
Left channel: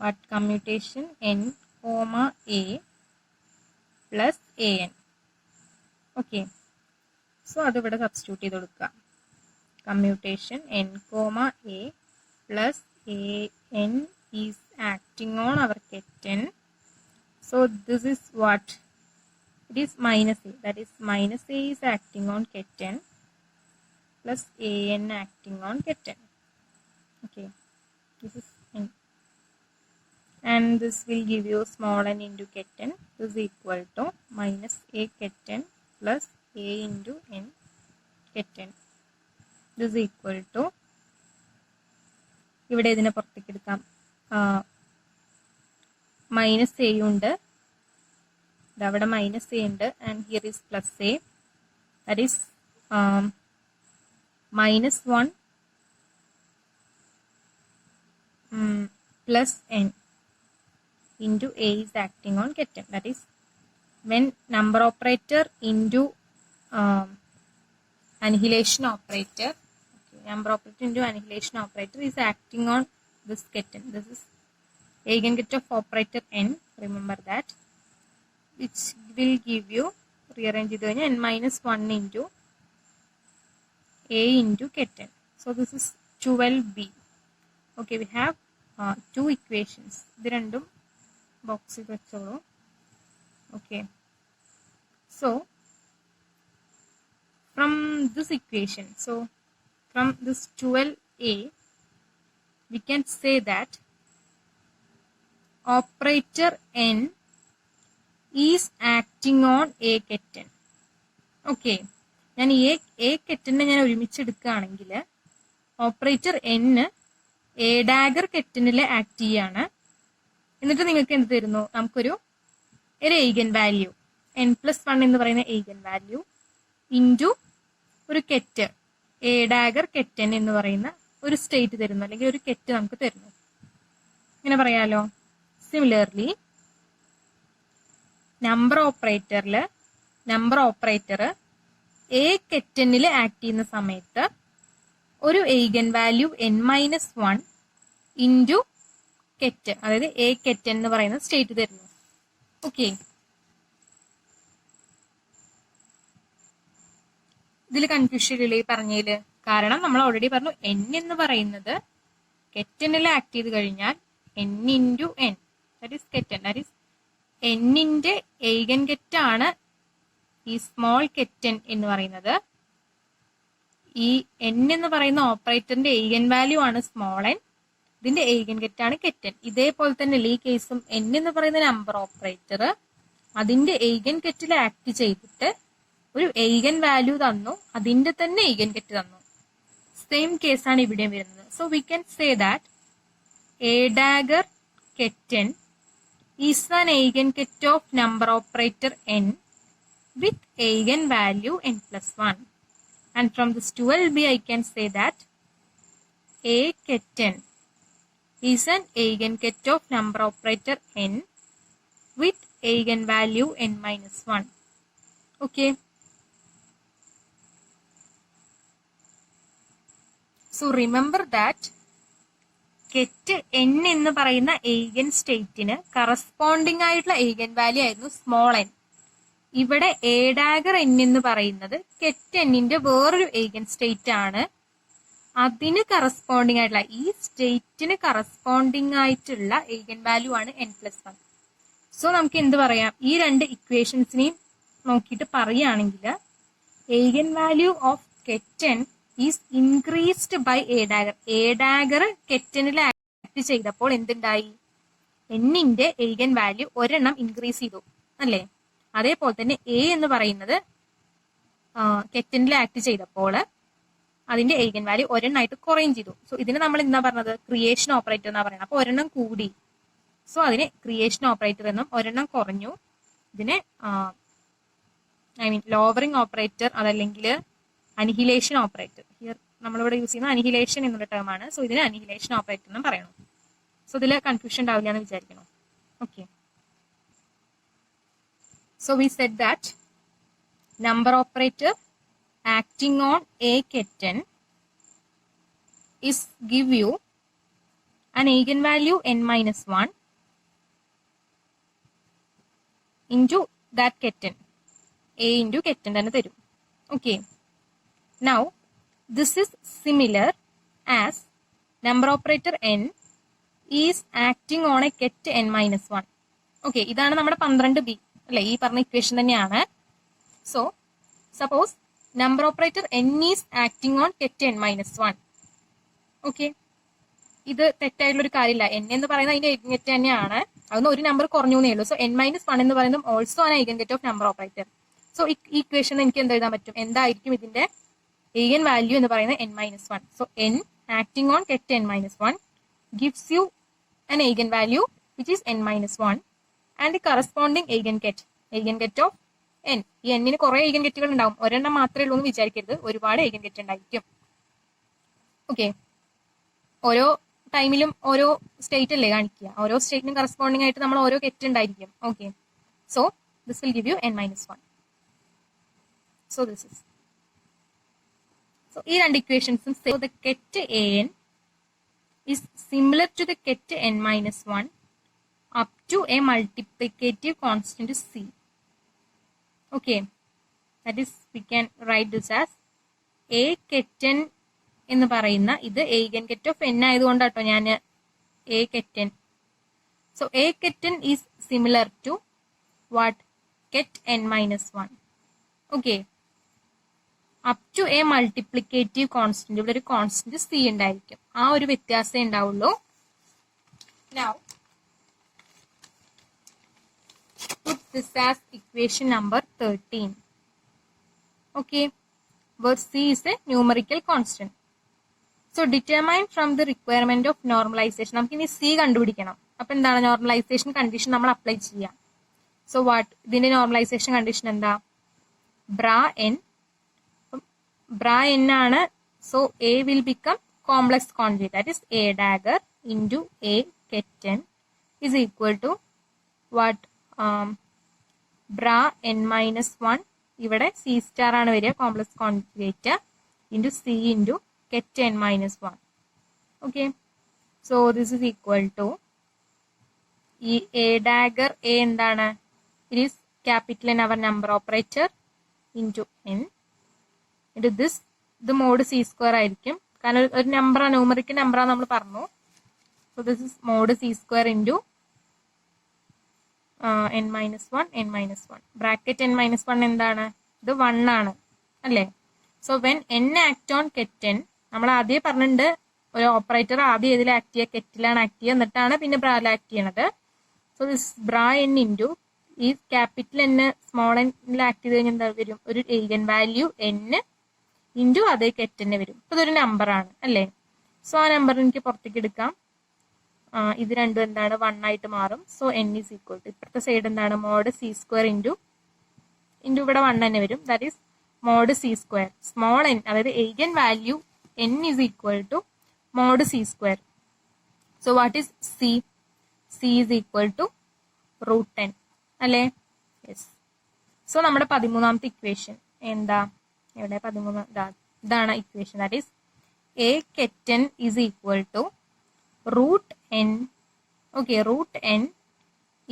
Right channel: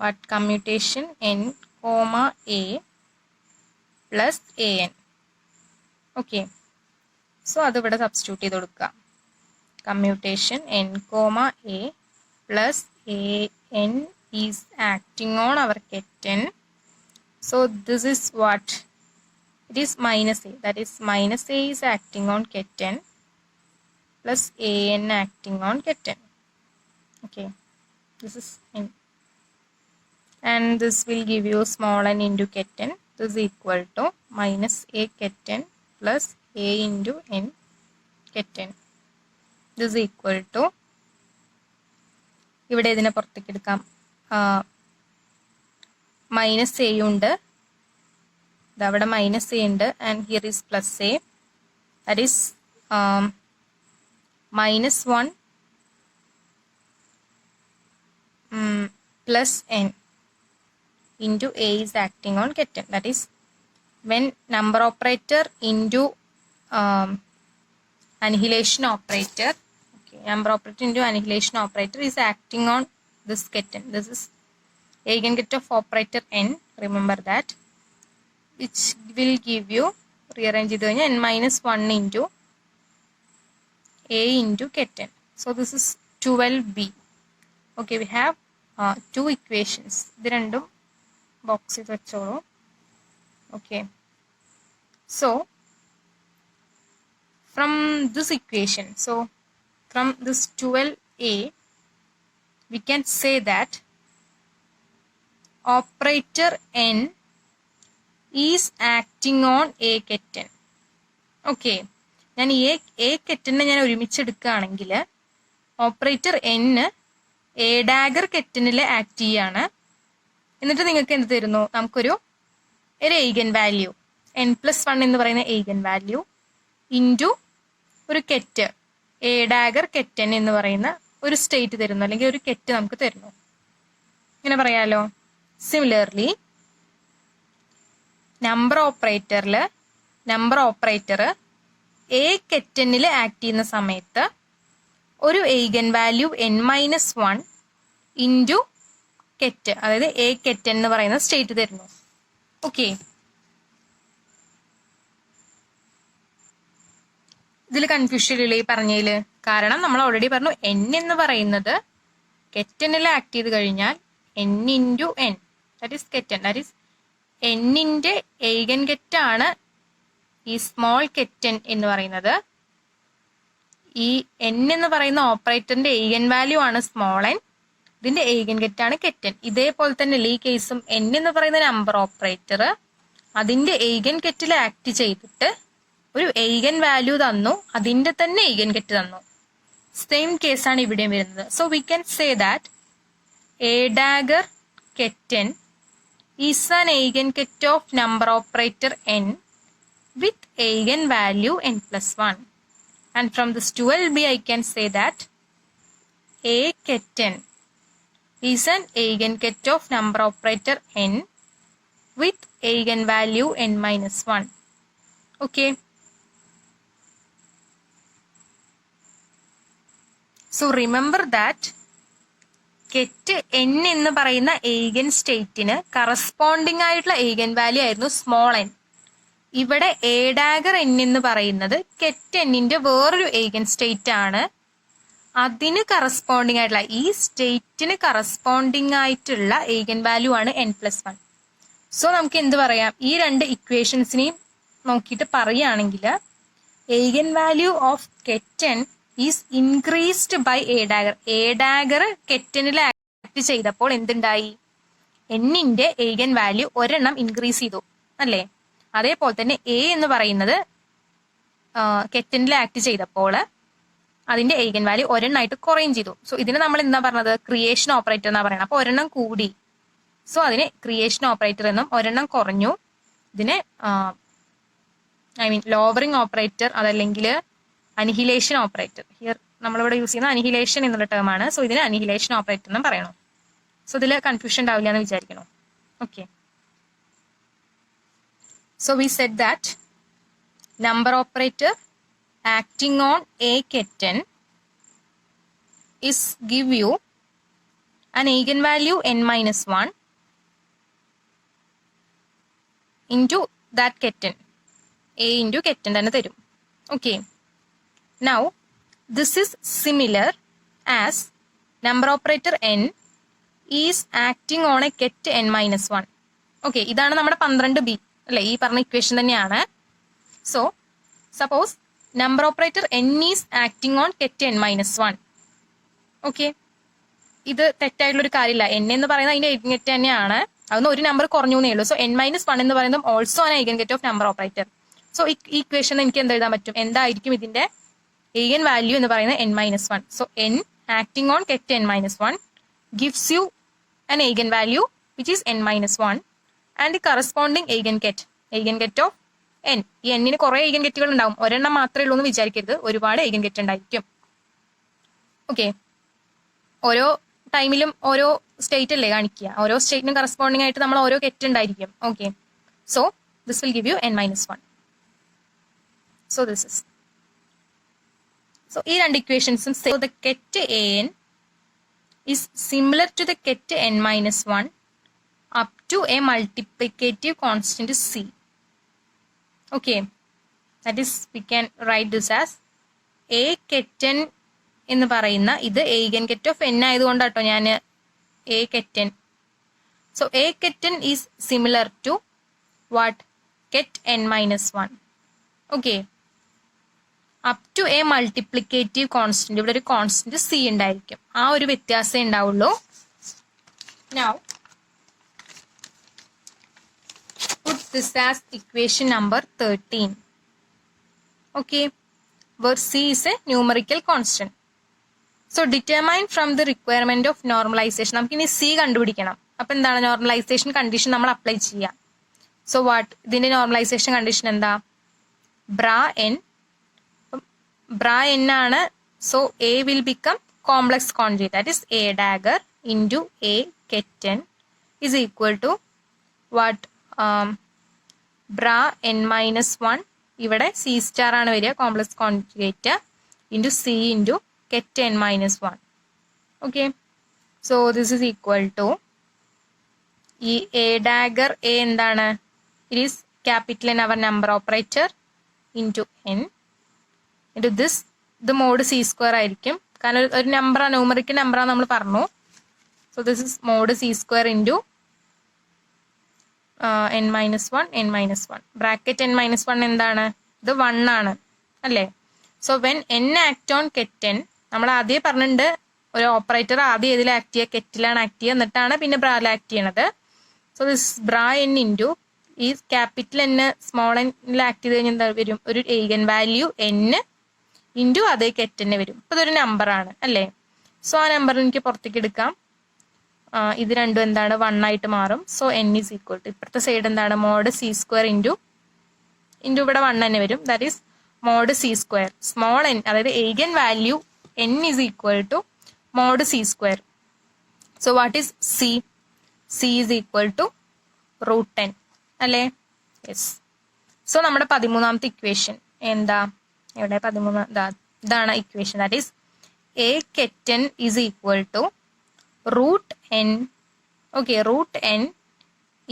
what? Commutation n comma a plus a n. Okay, so അത് ഇവിടെ സബ്സ്റ്റിറ്റ്യൂട്ട് ചെയ്ത് കൊടുക്കുക. Commutation n comma a plus a n is acting on our kitten. So this is what? It is minus a, that is minus a is acting on kitten plus a n acting on kitten. Okay, this is n, and this will give you small n into kitten. This is equal to minus a kitten plus a into n kitten. This is equal to, ഇവിടെ ഇതിനെ പുറത്തേക്ക് എടുക്കാം, minus A ഉണ്ട്, ഇതവിടെ minus A ഉണ്ട്, and here is plus A, that is minus 1 plus n into a is acting on kitten. That is when number operator into annihilation operator, okay, number operator into annihilation operator is acting on this kitten. This is eigenvalue of operator n, remember that, which will give you, rearrange it n minus 1 into a into kitten. So this is 12b. Okay, we have two equations. The random boxes vecholu. Okay, so from this equation, so from this 12a, we can say that operator n is acting on a kitten. Okay, ഞാൻ എ കെറ്റിനെ ഞാൻ ഒരുമിച്ചെടുക്കുകയാണെങ്കിൽ operator n a dagger കെറ്റിനിൽ act ചെയ്യാണ്. എന്നിട്ട് നിങ്ങൾക്ക് എന്ത് തരുന്നു? നമുക്കൊരു എയ്ഗൻ വാല്യൂ n+1 എന്ന് പറയുന്ന എയ്ഗൻ വാല്യൂ ഇൻറ്റു ഒരു കെറ്റ് എ ഡാഗർ കെറ്റൻ എന്ന് പറയുന്ന ഒരു സ്റ്റേറ്റ് തരുന്നു, അല്ലെങ്കിൽ ഒരു കെറ്റ് നമുക്ക് തരുന്നു. ഇങ്ങനെ പറയാലോ. സിമിലർലി നമ്പർ ഓപ്പറേറ്റർ എ കെറ്റനിൽ ആക്ട് ചെയ്യുന്ന സമയത്ത് ഒരു എയ്ഗൻ വാല്യൂ n-1 ഇൻറ്റു കെറ്റ്, അതായത് എ കെറ്റ് എന്ന് പറയുന്ന സ്റ്റേറ്റ് തരുന്നു. ഓക്കെ, ഇതിൽ കൺഫ്യൂഷൻ ഇല്ലേ പറഞ്ഞതില്? കാരണം നമ്മൾ ഓൾറെഡി പറഞ്ഞു n എന്ന് പറയുന്നത് കെറ്റനിൽ ആക്ട് ചെയ്ത് കഴിഞ്ഞാൽ n into n, that is ket n, that is എന്നിന്റെ എയ്ഗൻ കെറ്റാണ് ഈ സ്മോൾ കെറ്റൻ എന്ന് പറയുന്നത്. ഈ n എന്ന് പറയുന്ന ഓപ്പറേറ്ററിന്റെ എയ്ഗൻ വാല്യൂ ആണ് സ്മോൾ n, ഇതിന്റെ എയ്ഗൻ കെറ്റാണ് കെറ്റൻ. ഇതേപോലെ തന്നെ ഈ കേസും n എന്ന് പറയുന്ന നമ്പർ ഓപ്പറേറ്റർ അതിന്റെ എയ്ഗൻ കെറ്റിൽ ആക്ട് ചെയ്തിട്ട് ഒരു എയ്ഗൻ വാല്യൂ തന്നു, അതിന്റെ തന്നെ എയ്ഗൻ കെറ്റ് തന്നു. സെയിം കേസാണ് ഇവിടെയും വരുന്നത്. So we can say that A dagger ket n is an eigen ket of number operator n with eigen value n+1, and from this 12b I can say that a ketten is an eigenket of number operator n with eigen value n-1. Okay, so remember that കെറ്റ് n എന്ന് പറയുന്ന എയ്ഗൻ സ്റ്റേറ്റിന് കറസ്പോണ്ടിങ് ആയിട്ടുള്ള eigen value ആയിരുന്നു small n. ഇവിടെ A dagger n എന്ന് പറയുന്നത് കെറ്റ് എന്നിന്റെ വേറൊരു എയ്ഗൻ സ്റ്റേറ്റ് ആണ്. അതിന് കറസ്പോണ്ടിങ് ആയിട്ടുള്ള, ഈ സ്റ്റേറ്റിന് കറസ്പോണ്ടിങ് ആയിട്ടുള്ള എയ്ഗൻ വാല്യൂ ആണ് n+1. സോ നമുക്ക് എന്ത് പറയാം, ഈ രണ്ട് ഇക്വേഷൻസിനെയും നോക്കിയിട്ട് പറയുകയാണെങ്കിൽ eigen value of ket n is increased by a dagger. A dagger കെറ്റനിൽ ആക്ട് ചെയ്തപ്പോൾ എന്തുണ്ടായി, എന്നിന്റെ എയ്ഗൻ വാല്യൂ ഒരെണ്ണം ഇൻക്രീസ് ചെയ്തു അല്ലേ? അതേപോലെ തന്നെ എ എന്ന് പറയുന്നത് കെറ്റനിൽ ആക്ട് ചെയ്തപ്പോൾ അതിന്റെ എയ്ഗൻ വാല്യൂ ഒരെണ്ണമായിട്ട് കുറയും ചെയ്തു. സോ ഇതിന് നമ്മൾ എന്താ പറഞ്ഞത്, ക്രിയേഷൻ ഓപ്പറേറ്റർ എന്നാ പറയുന്നത്. അപ്പൊ ഒരെണ്ണം കൂടി, സോ അതിന് ക്രിയേഷൻ ഓപ്പറേറ്റർ എന്നും, ഒരെണ്ണം കുറഞ്ഞു ഇതിനെ ലോവറിംഗ് ഓപ്പറേറ്റർ അതല്ലെങ്കിൽ അനിഹിലേഷൻ ഓപ്പറേറ്റർ. ഹിയർ നമ്മളിവിടെ യൂസ് ചെയ്യുന്ന അനിഹിലേഷൻ എന്നുള്ള ടേം ആണ്. സോ ഇതിന് അനിഹിലേഷൻ ഓപ്പറേറ്റർ എന്നും പറയണം. സോ ഇതിൽ കൺഫ്യൂഷൻ ഉണ്ടാവില്ല എന്ന് വിചാരിക്കണം. Okay, so we said that number operator acting on a kitten is give you an eigenvalue n-1 into that kitten. A into kitten തന്നെ തരും. Okay, now this is similar as number operator n is acting on a ket n-1. Okay, ഇതാണ് നമ്മുടെ 12b അല്ലെ, ഈ പറഞ്ഞ ഇക്വേഷൻ തന്നെയാണ്. So suppose number operator n is acting on കെറ്റ് n-1. Okay, ഇത് തെറ്റായിട്ടുള്ള ഒരു കാര്യമില്ല. n എന്ന് പറയുന്നത് അതിന്റെ ഐഗൻ കെറ്റ് തന്നെയാണ്, അതൊന്ന് ഒരു നമ്പർ കുറഞ്ഞു എന്നേ ഉള്ളൂ. സോ n-1 എന്ന് പറയുന്നത് ഓൾസോ ആൻ ഐഗൻ കെറ്റ് ഓഫ് നമ്പർ ഓപ്പറേറ്റർ. സോ ഈ ഇക്വേഷൻ എനിക്ക് എന്ത് എഴുതാൻ പറ്റും, എന്തായിരിക്കും ഇതിന്റെ ഐഗൻ വാല്യൂ എന്ന് പറയുന്നത് n-1. So n acting on കെറ്റ് n-1 gives you an eigen value which is n-1 and the corresponding eigenket of n. ഈ n ന് കുറെ eigen കെറ്റുകൾ ഉണ്ടാവും, ഒരെണ്ണം മാത്രമേ ഉള്ളൂ എന്ന് വിചാരിക്കരുത്, ഒരുപാട് eigen കെറ്റ് ഉണ്ടായിരിക്കും. ഓക്കെ, ഓരോ ടൈമിലും ഓരോ സ്റ്റേറ്റ് അല്ലേ കാണിക്കുക, ഓരോ സ്റ്റേറ്റിനും കറസ്പോണ്ടിങ് ആയിട്ട് നമ്മൾ ഓരോ കെറ്റ് ഉണ്ടായിരിക്കും. Okay, so this will give U n-1. So this is, so ഈ രണ്ട് ഇക്വേഷൻസും ദ കെറ്റ് an is similar to the ket n-1 up to a multiplicative constant c. Okay, that is we can write this as a ketten എന്ന് പറയുന്ന ഇത് eigen ket of n ആയതുകൊണ്ടാട്ടോ ഞാൻ a ketten. So a ketten is similar to what, ket n-1. Okay, up to a multiplicative constant, ഇവിടെ ഒരു constant c ഉണ്ടായിരിക്കും, ആ ഒരു വ്യത്യാസം ഉണ്ടാവുള്ളൂ. Now put this as equation number 13. Okay, where c is a numerical constant. So determine from the requirement of normalization. നമുക്ക് ഇനി c കണ്ടുപിടിക്കണം. അപ്പൊ എന്താണ് നോർമലൈസേഷൻ കണ്ടീഷൻ നമ്മൾ അപ്ലൈ ചെയ്യാം. സോ വാട്ട്, ഇതിന്റെ നോർമലൈസേഷൻ കണ്ടീഷൻ എന്താ, ബ്രാ n ആണ്. So a will become complex conjugate, that is a dagger into a kitten is equal to what, ബ്രാ n-1 ഇവിടെ c സ്റ്റാർ ആണ് വരിക, complex conjugate into c into ket n minus 1. Okay, so this is equal to ഈ a dagger a എന്താണ്, it is capital N our number operator into n into this, ഇത് mod c square ആയിരിക്കും കാരണം ഒരു നമ്പറാണ്, ന്യൂമറിക്കൽ നമ്പറാണ് നമ്മൾ പറഞ്ഞു. So this is mod c square into n minus 1 bracket n minus 1 എന്താണ്, ഇത് 1 ആണ് അല്ലേ. So when n act on ket n, നമ്മൾ ആദ്യം പറഞ്ഞിട്ടുണ്ട് ഒരു ഓപ്പറേറ്റർ ആദ്യം ഇതിൽ ആക്ട് ചെയ്യുക, കെറ്റിലാണ് ആക്ട് ചെയ്യുക, എന്നിട്ടാണ് പിന്നെ ബ്രായിൽ ആക്ട് ചെയ്യണത്. So this bra n into ഈ ക്യാപിറ്റൽ n സ്മോൾ എന്നിൽ ആക്ട് ചെയ്ത് കഴിഞ്ഞാൽ എന്താ വരും, ഒരു eigen വാല്യൂ n ഇൻറ്റു അതേ ket n വരും. അപ്പോൾ ഇതൊരു നമ്പറാണ് അല്ലേ. സോ ആ നമ്പർ എനിക്ക് പുറത്തേക്ക് എടുക്കാം. ഇത് രണ്ടും എന്താണ്, 1 ആയിട്ട് മാറും. So n is equal to ഇപ്പുറത്തെ സൈഡ് എന്താണ്, മോഡ് c സ്ക്വയർ ഇൻറ്റു ഇവിടെ 1 തന്നെ വരും. That is mod c square small n, അതായത് eigen value n is equal to mod c square. So what is c? c is equal to √10 അല്ലേ. Yes. So നമ്മുടെ 13ാമത്തെ ഇക്വേഷൻ എന്താ, ഇവിടെ 13 ഇതാണ് equation. That is a ket n is equal to √n, okay, √n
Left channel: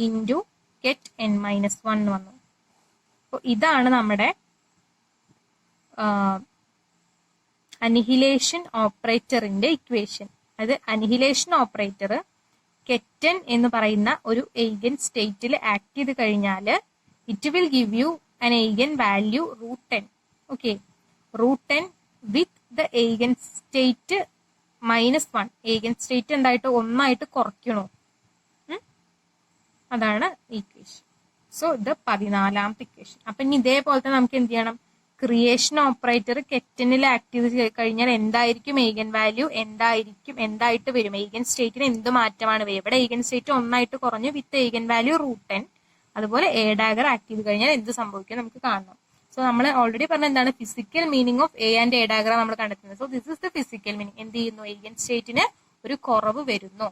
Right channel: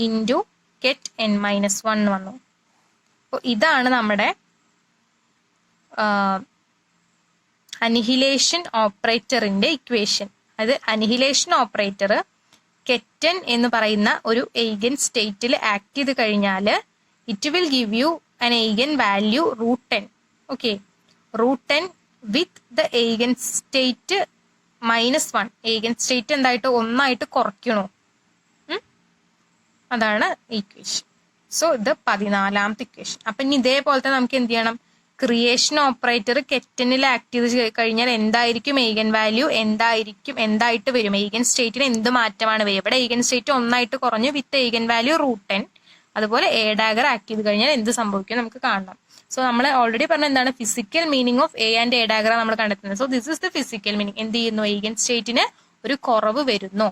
into ket n minus 1 വന്നു. അപ്പോൾ ഇതാണ് നമ്മുടെ അനിഹിലേഷൻ ഓപ്പറേറ്ററിന്റെ ഇക്വേഷൻ. അത് അനിഹിലേഷൻ ഓപ്പറേറ്റർ ket n എന്ന് പറയുന്ന ഒരു eigen സ്റ്റേറ്റിൽ ആക്ട് ചെയ്ത് കഴിഞ്ഞാൽ it will give U an eigen value √10. ഓക്കെ, √10 with the eigen state minus 1. eigen state എന്തായിട്ട് 1 ആയിട്ട് കുറയ്ക്കണോ, അതാണ് ഇക്വേഷൻ. സോ ഇത് 14ാമത്തെ ഇക്വേഷൻ. അപ്പൊ ഇനി ഇതേപോലത്തെ നമുക്ക് എന്ത് ചെയ്യണം, creation operator ket n act ചെയ്ത് കഴിഞ്ഞാൽ എന്തായിരിക്കും eigen വാല്യൂ, എന്തായിട്ട് വരും, eigen സ്റ്റേറ്റിന് എന്ത് മാറ്റമാണ് വരിക. ഇവിടെ eigen സ്റ്റേറ്റ് 1 ആയിട്ട് കുറഞ്ഞു വിത്ത് eigen വാല്യൂ √10. അതുപോലെ a dagger ആക്ട് ചെയ്ത് കഴിഞ്ഞാൽ എന്ത് സംഭവിക്കും നമുക്ക് കാണണം. സോ നമ്മൾ ഓൾറെഡി പറഞ്ഞ എന്താണ്, physical meaning of a and a dagger നമ്മൾ കണ്ടെത്തുന്നത്. So this is the physical meaning. എന്ത് ചെയ്യുന്നു, eigen സ്റ്റേറ്റിന് ഒരു കുറവ് വരുന്നു,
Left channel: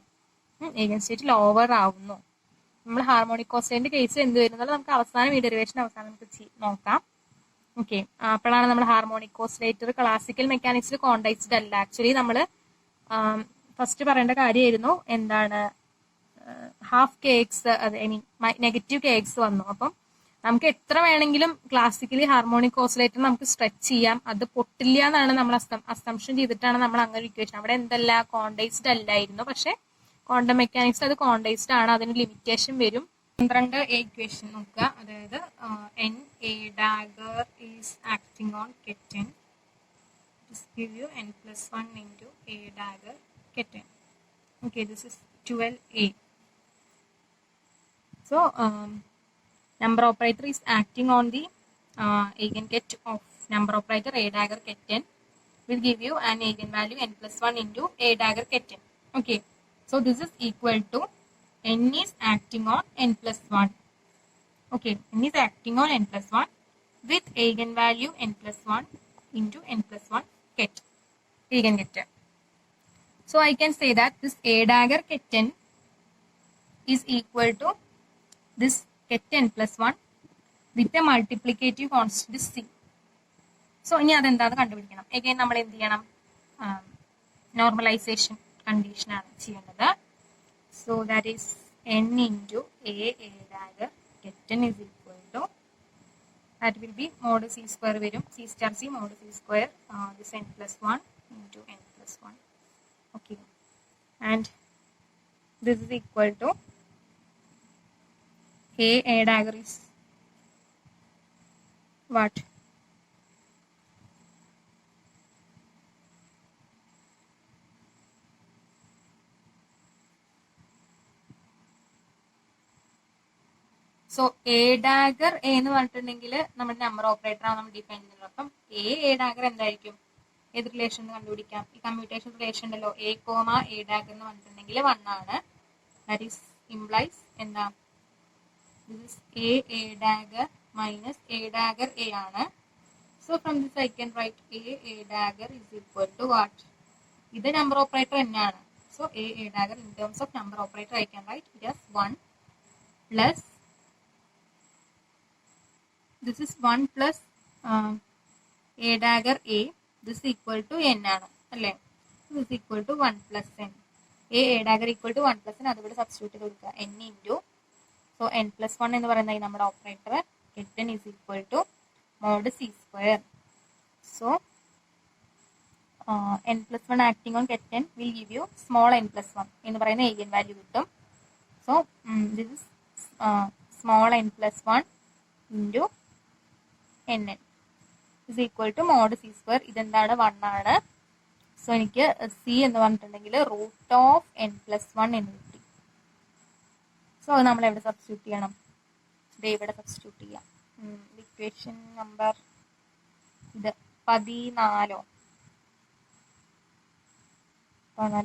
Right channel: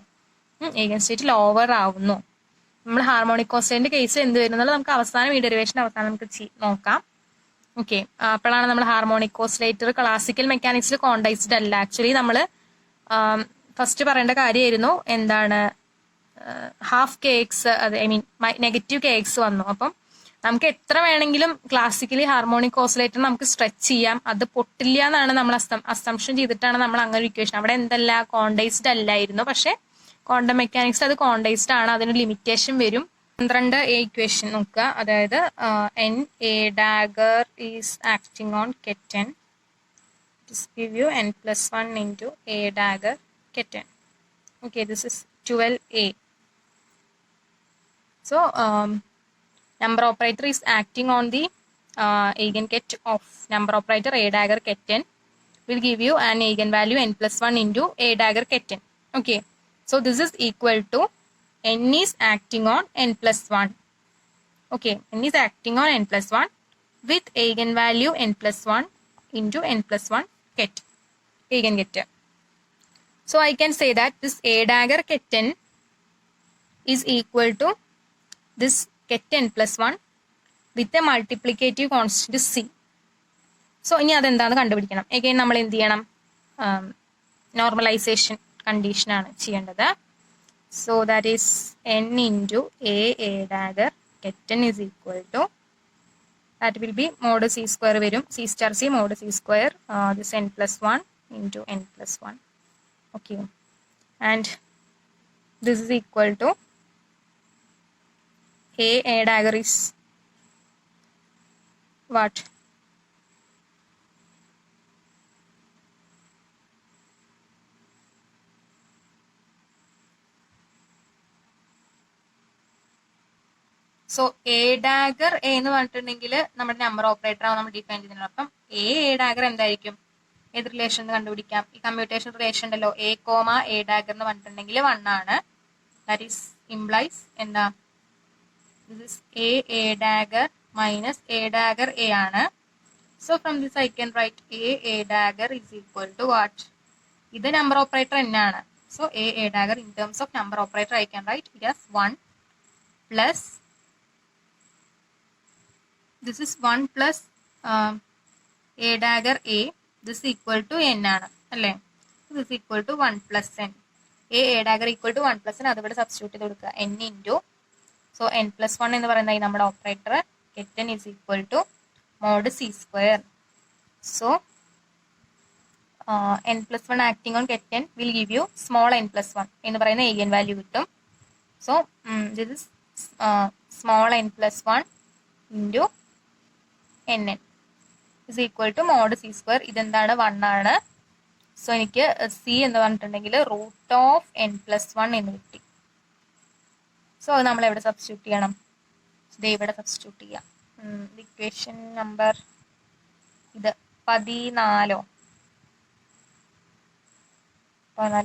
eigen സ്റ്റേറ്റ് ലോവർ ആവുന്നു. നമ്മൾ ഹാർമോണിക് ഓസിലേറ്ററിന്റെ കേസ് എന്ത് വരുന്നത് നമുക്ക് അവസാനം ഈ ഡെറിവേഷൻ അവസാനം നമുക്ക് നോക്കാം. ഓക്കെ, അപ്പോഴാണ് നമ്മൾ ഹാർമോണിക് ഓസിലേറ്റർ ക്ലാസിക്കൽ മെക്കാനിക്സിൽ കോണ്ടൈസ്ഡ് അല്ല. ആക്ച്വലി നമ്മൾ ഫസ്റ്റ് പറയേണ്ട കാര്യമായിരുന്നു എന്താണ്, ഹാഫ് kx, അത് ഐ മീൻ നെഗറ്റീവ് kx വന്നു. അപ്പം നമുക്ക് എത്ര വേണമെങ്കിലും ക്ലാസിക്കലി ഹാർമോണിക് ഓസിലേറ്റർ നമുക്ക് സ്ട്രെച്ച് ചെയ്യാം, അത് പൊട്ടില്ല എന്നാണ് നമ്മൾ അസംഷൻ ചെയ്തിട്ടാണ് നമ്മൾ അങ്ങനെ ഇക്വേഷൻ. അവിടെ എന്തല്ല, കോണ്ടൈസ്ഡ് അല്ലായിരുന്നു. പക്ഷെ ക്വാണ്ടം മെക്കാനിക്സ് അത് കോണ്ടൈസ്ഡ് ആണ്, അതിന് ലിമിറ്റേഷൻ വരും. 12 ഇക്വേഷൻ നോക്കുക. അതായത് n a dagger is acting on ket n, this give you n plus 1 into a dagger ket n. Okay, this is 12a. So number operator is acting on the eigenket of number operator a dagger ket n will give you an eigenvalue n plus 1 into a dagger ket n. Okay, so this is equal to n is acting on n plus 1. Okay, n is acting on n plus 1 with eigenvalue n plus 1 into n plus 1 ket, eigenket. So I can say that this a dagger ket n is equal to this ket n plus 1 with a multiplicative constant c. So ഇനി അതെന്താണ് കണ്ടുപിടിക്കണം. again നമ്മൾ എന്ത് ചെയ്യണം, normalisation condition ആണ് ചെയ്യേണ്ടത്. So that is n into a dagger ket n is equal to, that will be mod c square വരും, c star c mod c square, this n plus 1 into n plus 1. Okay, and this is equal to a dagger is what, so A dagger A എന്ന് പറഞ്ഞിട്ടുണ്ടെങ്കിൽ നമ്മുടെ number operator ആണ് നമ്മൾ ഡിഫൈൻ ചെയ്യുന്നത്. അപ്പം A dagger എന്തായിരിക്കും, ഏത് റിലേഷൻ കണ്ടുപിടിക്കാം, ഈ കമ്പ്യൂട്ടേഷൻ റിലേഷൻ ഉണ്ടല്ലോ, എ കോമ എ ഡാഗർ എന്ന് പറഞ്ഞിട്ടുണ്ടെങ്കിൽ 1 ആണ്. ദാറ്റ് ഈസ് ഇംപ്ലൈസ് എന്താ, this is a dagger minus a dagger a ആണ്. So from this I can write a dagger is equal to what, ഇത് നമ്പർ ഓപ്പറേറ്റർ എന്നാണ്. So A dagger in terms of number operator I can write it as 1 plus this is 1 plus a dagger a, this is equal to n ആണ്. അല്ലേ? This equal to 1 plus N. A dagger equal to 1 plus N, അതിവിടെ substitute ചെയ്ത് കൊടുക്കുക. N into, so N plus 1 എന്ന് പറയുന്നത് നമ്മുടെ operator get n is equal to mod c square. So n plus 1 acting on get n will give you small n plus 1 എന്ന് പറയുന്ന eigen value കിട്ടും. So this is small n plus 1 into nn is equal to mod c square. ഇതെന്താണ്? 1 ആണ്. സോ എനിക്ക് c എന്ന് പറഞ്ഞിട്ടുണ്ടെങ്കിൽ root of n plus 1 എന്ന് കിട്ടി. സോ അത് നമ്മൾ എവിടെ സബ്സ്റ്റിറ്റ്യൂട്ട് ചെയ്യണം? ഇത് ഇവിടെ സബ്സ്റ്റിറ്റ്യൂട്ട് ചെയ്യാം. ഇക്വേഷൻ നമ്പർ ഇത് 14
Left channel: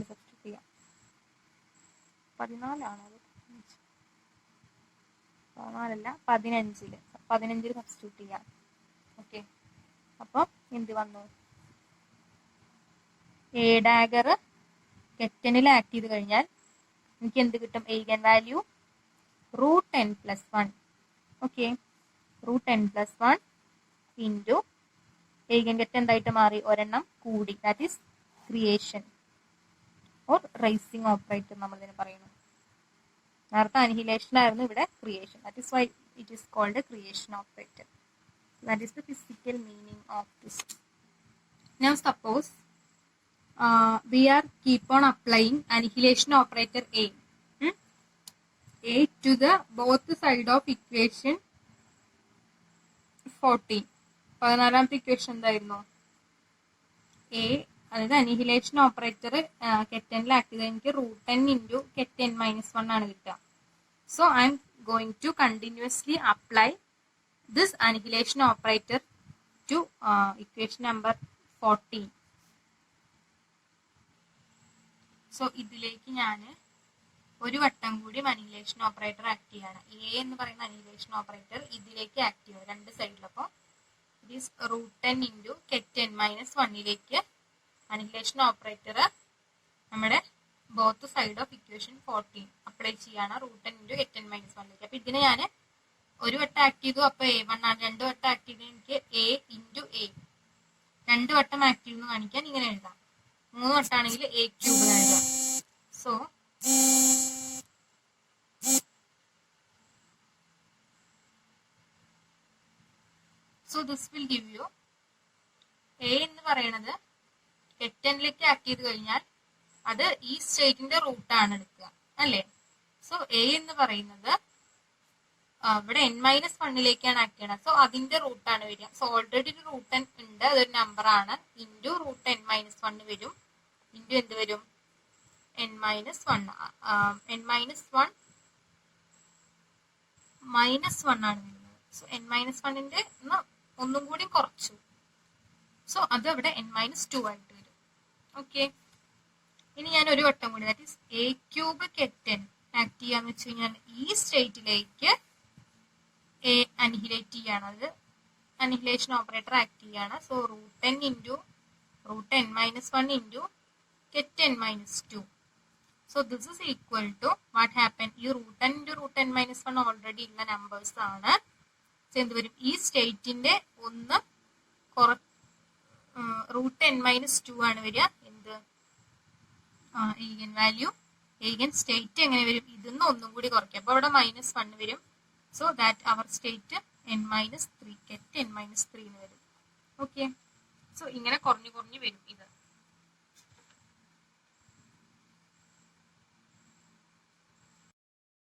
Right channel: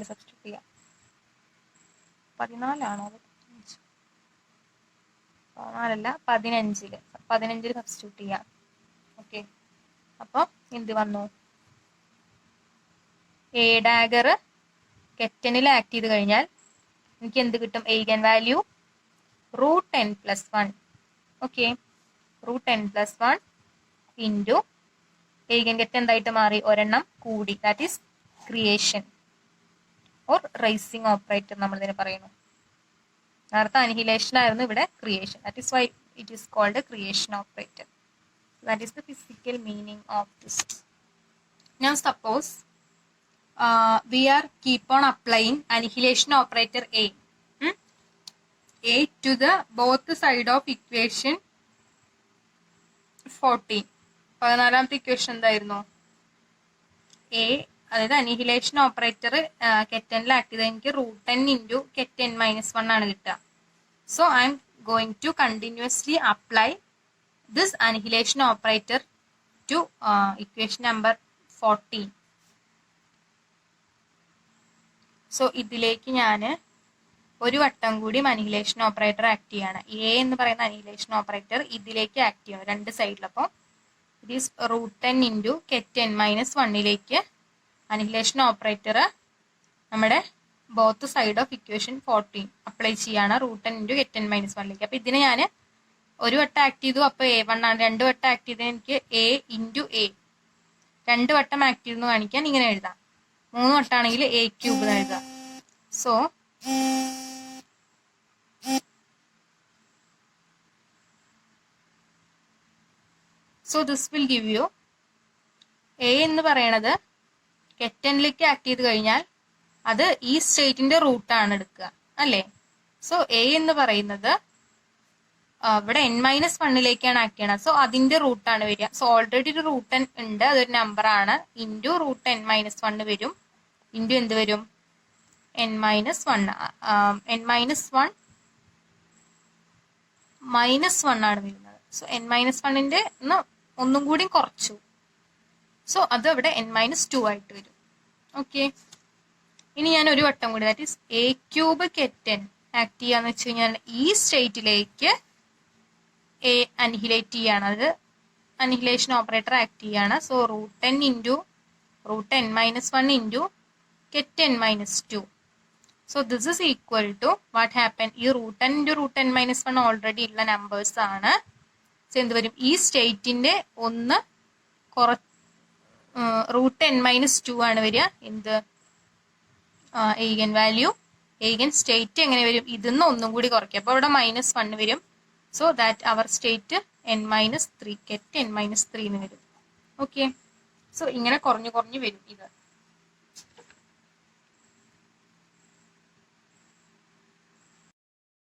സബ്സ്റ്റിറ്റ്യൂട്ട് ചെയ്യാം. 14 ആണോ? 14 15 സബ്സ്റ്റിറ്റ്യൂട്ട് ചെയ്യാം. ഓക്കെ, അപ്പോൾ എന്ത് വന്നു? എ ഡാഗർ കെറ്റനിൽ ആക്ട് ചെയ്ത് കഴിഞ്ഞാൽ എനിക്ക് എന്ത് കിട്ടും? eigen value root n plus 1. Okay, root n plus 1 into eigen get എന്തായിട്ട് മാറി? ഒരെണ്ണം കൂടി, that is creation or raising operator നമ്മൾ ഇതിനെ പറയുന്നു. നേരത്തെ അനിഹിലേഷൻ ആയിരുന്നു, ഇവിടെ creation. That is why it is called creation operator. That is the physical meaning of this. Now suppose we are keep on applying annihilation operator A. A to the both side of equation 14. 14ാമത്തെ equation എന്തായിരുന്നു? A, അതായത് annihilation operator കെറ്റനിൽ act ചെയ്ത് എനിക്ക് root n into ket n minus 1 ആണ് കിട്ടുക. So I am going to continuously apply this annihilation operator to equation number 14. സോ ഇതിലേക്ക് ഞാൻ ഒരു വട്ടം കൂടി അനിഹിലേഷൻ ഓപ്പറേറ്റർ ആക്ട് ചെയ്യാണ്. എ എന്ന് പറയുന്ന അനിഹിലേഷൻ ഓപ്പറേറ്റർ ഇതിലേക്ക് ആക്ട് ചെയ്യണം, രണ്ട് സൈഡിൽ. അപ്പോൾ it is root n into ket n minus 1ലേക്ക് അനിഹിലേഷൻ ഓപ്പറേറ്റർ നമ്മുടെ both side of equation 14 apply ചെയ്യാണ്, root n into ket n minus 1ലേക്ക്. അപ്പോൾ ഇതിനെ ഞാൻ ഒരു വട്ടം ആക്ട് ചെയ്തു, അപ്പോൾ A1 ആണ്. 2 വട്ടം ആക്ട് ചെയ്തതിന് എനിക്ക് A ഇൻറ്റു A, 2 വട്ടം ആക്ട് ചെയ്തെന്ന് കാണിക്കാൻ ഇങ്ങനെ എഴുതാം. 3 വട്ടമാണെങ്കിൽ A ക്യൂബ് എന്ന് എഴുതാം. So this will give U A എന്ന് പറയണത് കെറ്റനിലേക്ക് ആക്ട് ചെയ്ത് കഴിഞ്ഞാൽ അത് ഈ സ്റ്റേറ്റിന്റെ റൂട്ടാണ് എടുക്കുക, അല്ലേ? സോ A എന്ന് പറയുന്നത് ഇവിടെ n-1ലേക്കാണ് ആക്ട് ചെയ്യണത്. സോ അതിന്റെ റൂട്ടാണ് വരിക. സോ ഓൾറെഡി ഒരു റൂട്ട് n ഉണ്ട്, അതൊരു നമ്പർ ആണ്. ഇൻറ്റു റൂട്ട് n-1 വരും, ഇൻറ്റു എന്ത് വരും? n-1 ആണ് വരുന്നത്. സോ n-1ന്റെ ഒന്നും കൂടി കുറച്ചു. സോ അത് അവിടെ n-2 ആയിട്ട് വരും. ഓക്കെ, ഇനി ഞാൻ ഒരു വട്ടം കൂടി, that is A cube ket n act ചെയ്യാന്ന് വെച്ച് കഴിഞ്ഞാൽ ഈ സ്റ്റേറ്റിലേക്ക് A അനിഹിലേറ്റ് ചെയ്യാണ്, അത് അനിഹിലേഷൻ ഓപ്പറേറ്റർ ആക്ട് ചെയ്യാണ്. So root n into root n-1 into keten-2. So this is equal to what happened? ഈ root n into root n-1 already ഉള്ള നമ്പേഴ്സ് ആണ്. സോ എന്ത് വരും? ഈ സ്റ്റേറ്റിന്റെ ഒന്ന് റൂട്ട് n-2 ആണ് വരിക. എന്ത് eigen വാല്യൂ, eigen സ്റ്റേറ്റ് എങ്ങനെ വരും? ഇതിന്ന് ഒന്നും കൂടി കുറയ്ക്കുക, അപ്പോൾ ഇവിടെ -1 വരും. So that our state n-3 keten-3 എന്ന് വരും. ഓക്കെ, സോ ഇങ്ങനെ കുറഞ്ഞു കുറഞ്ഞു വരും ഇത്.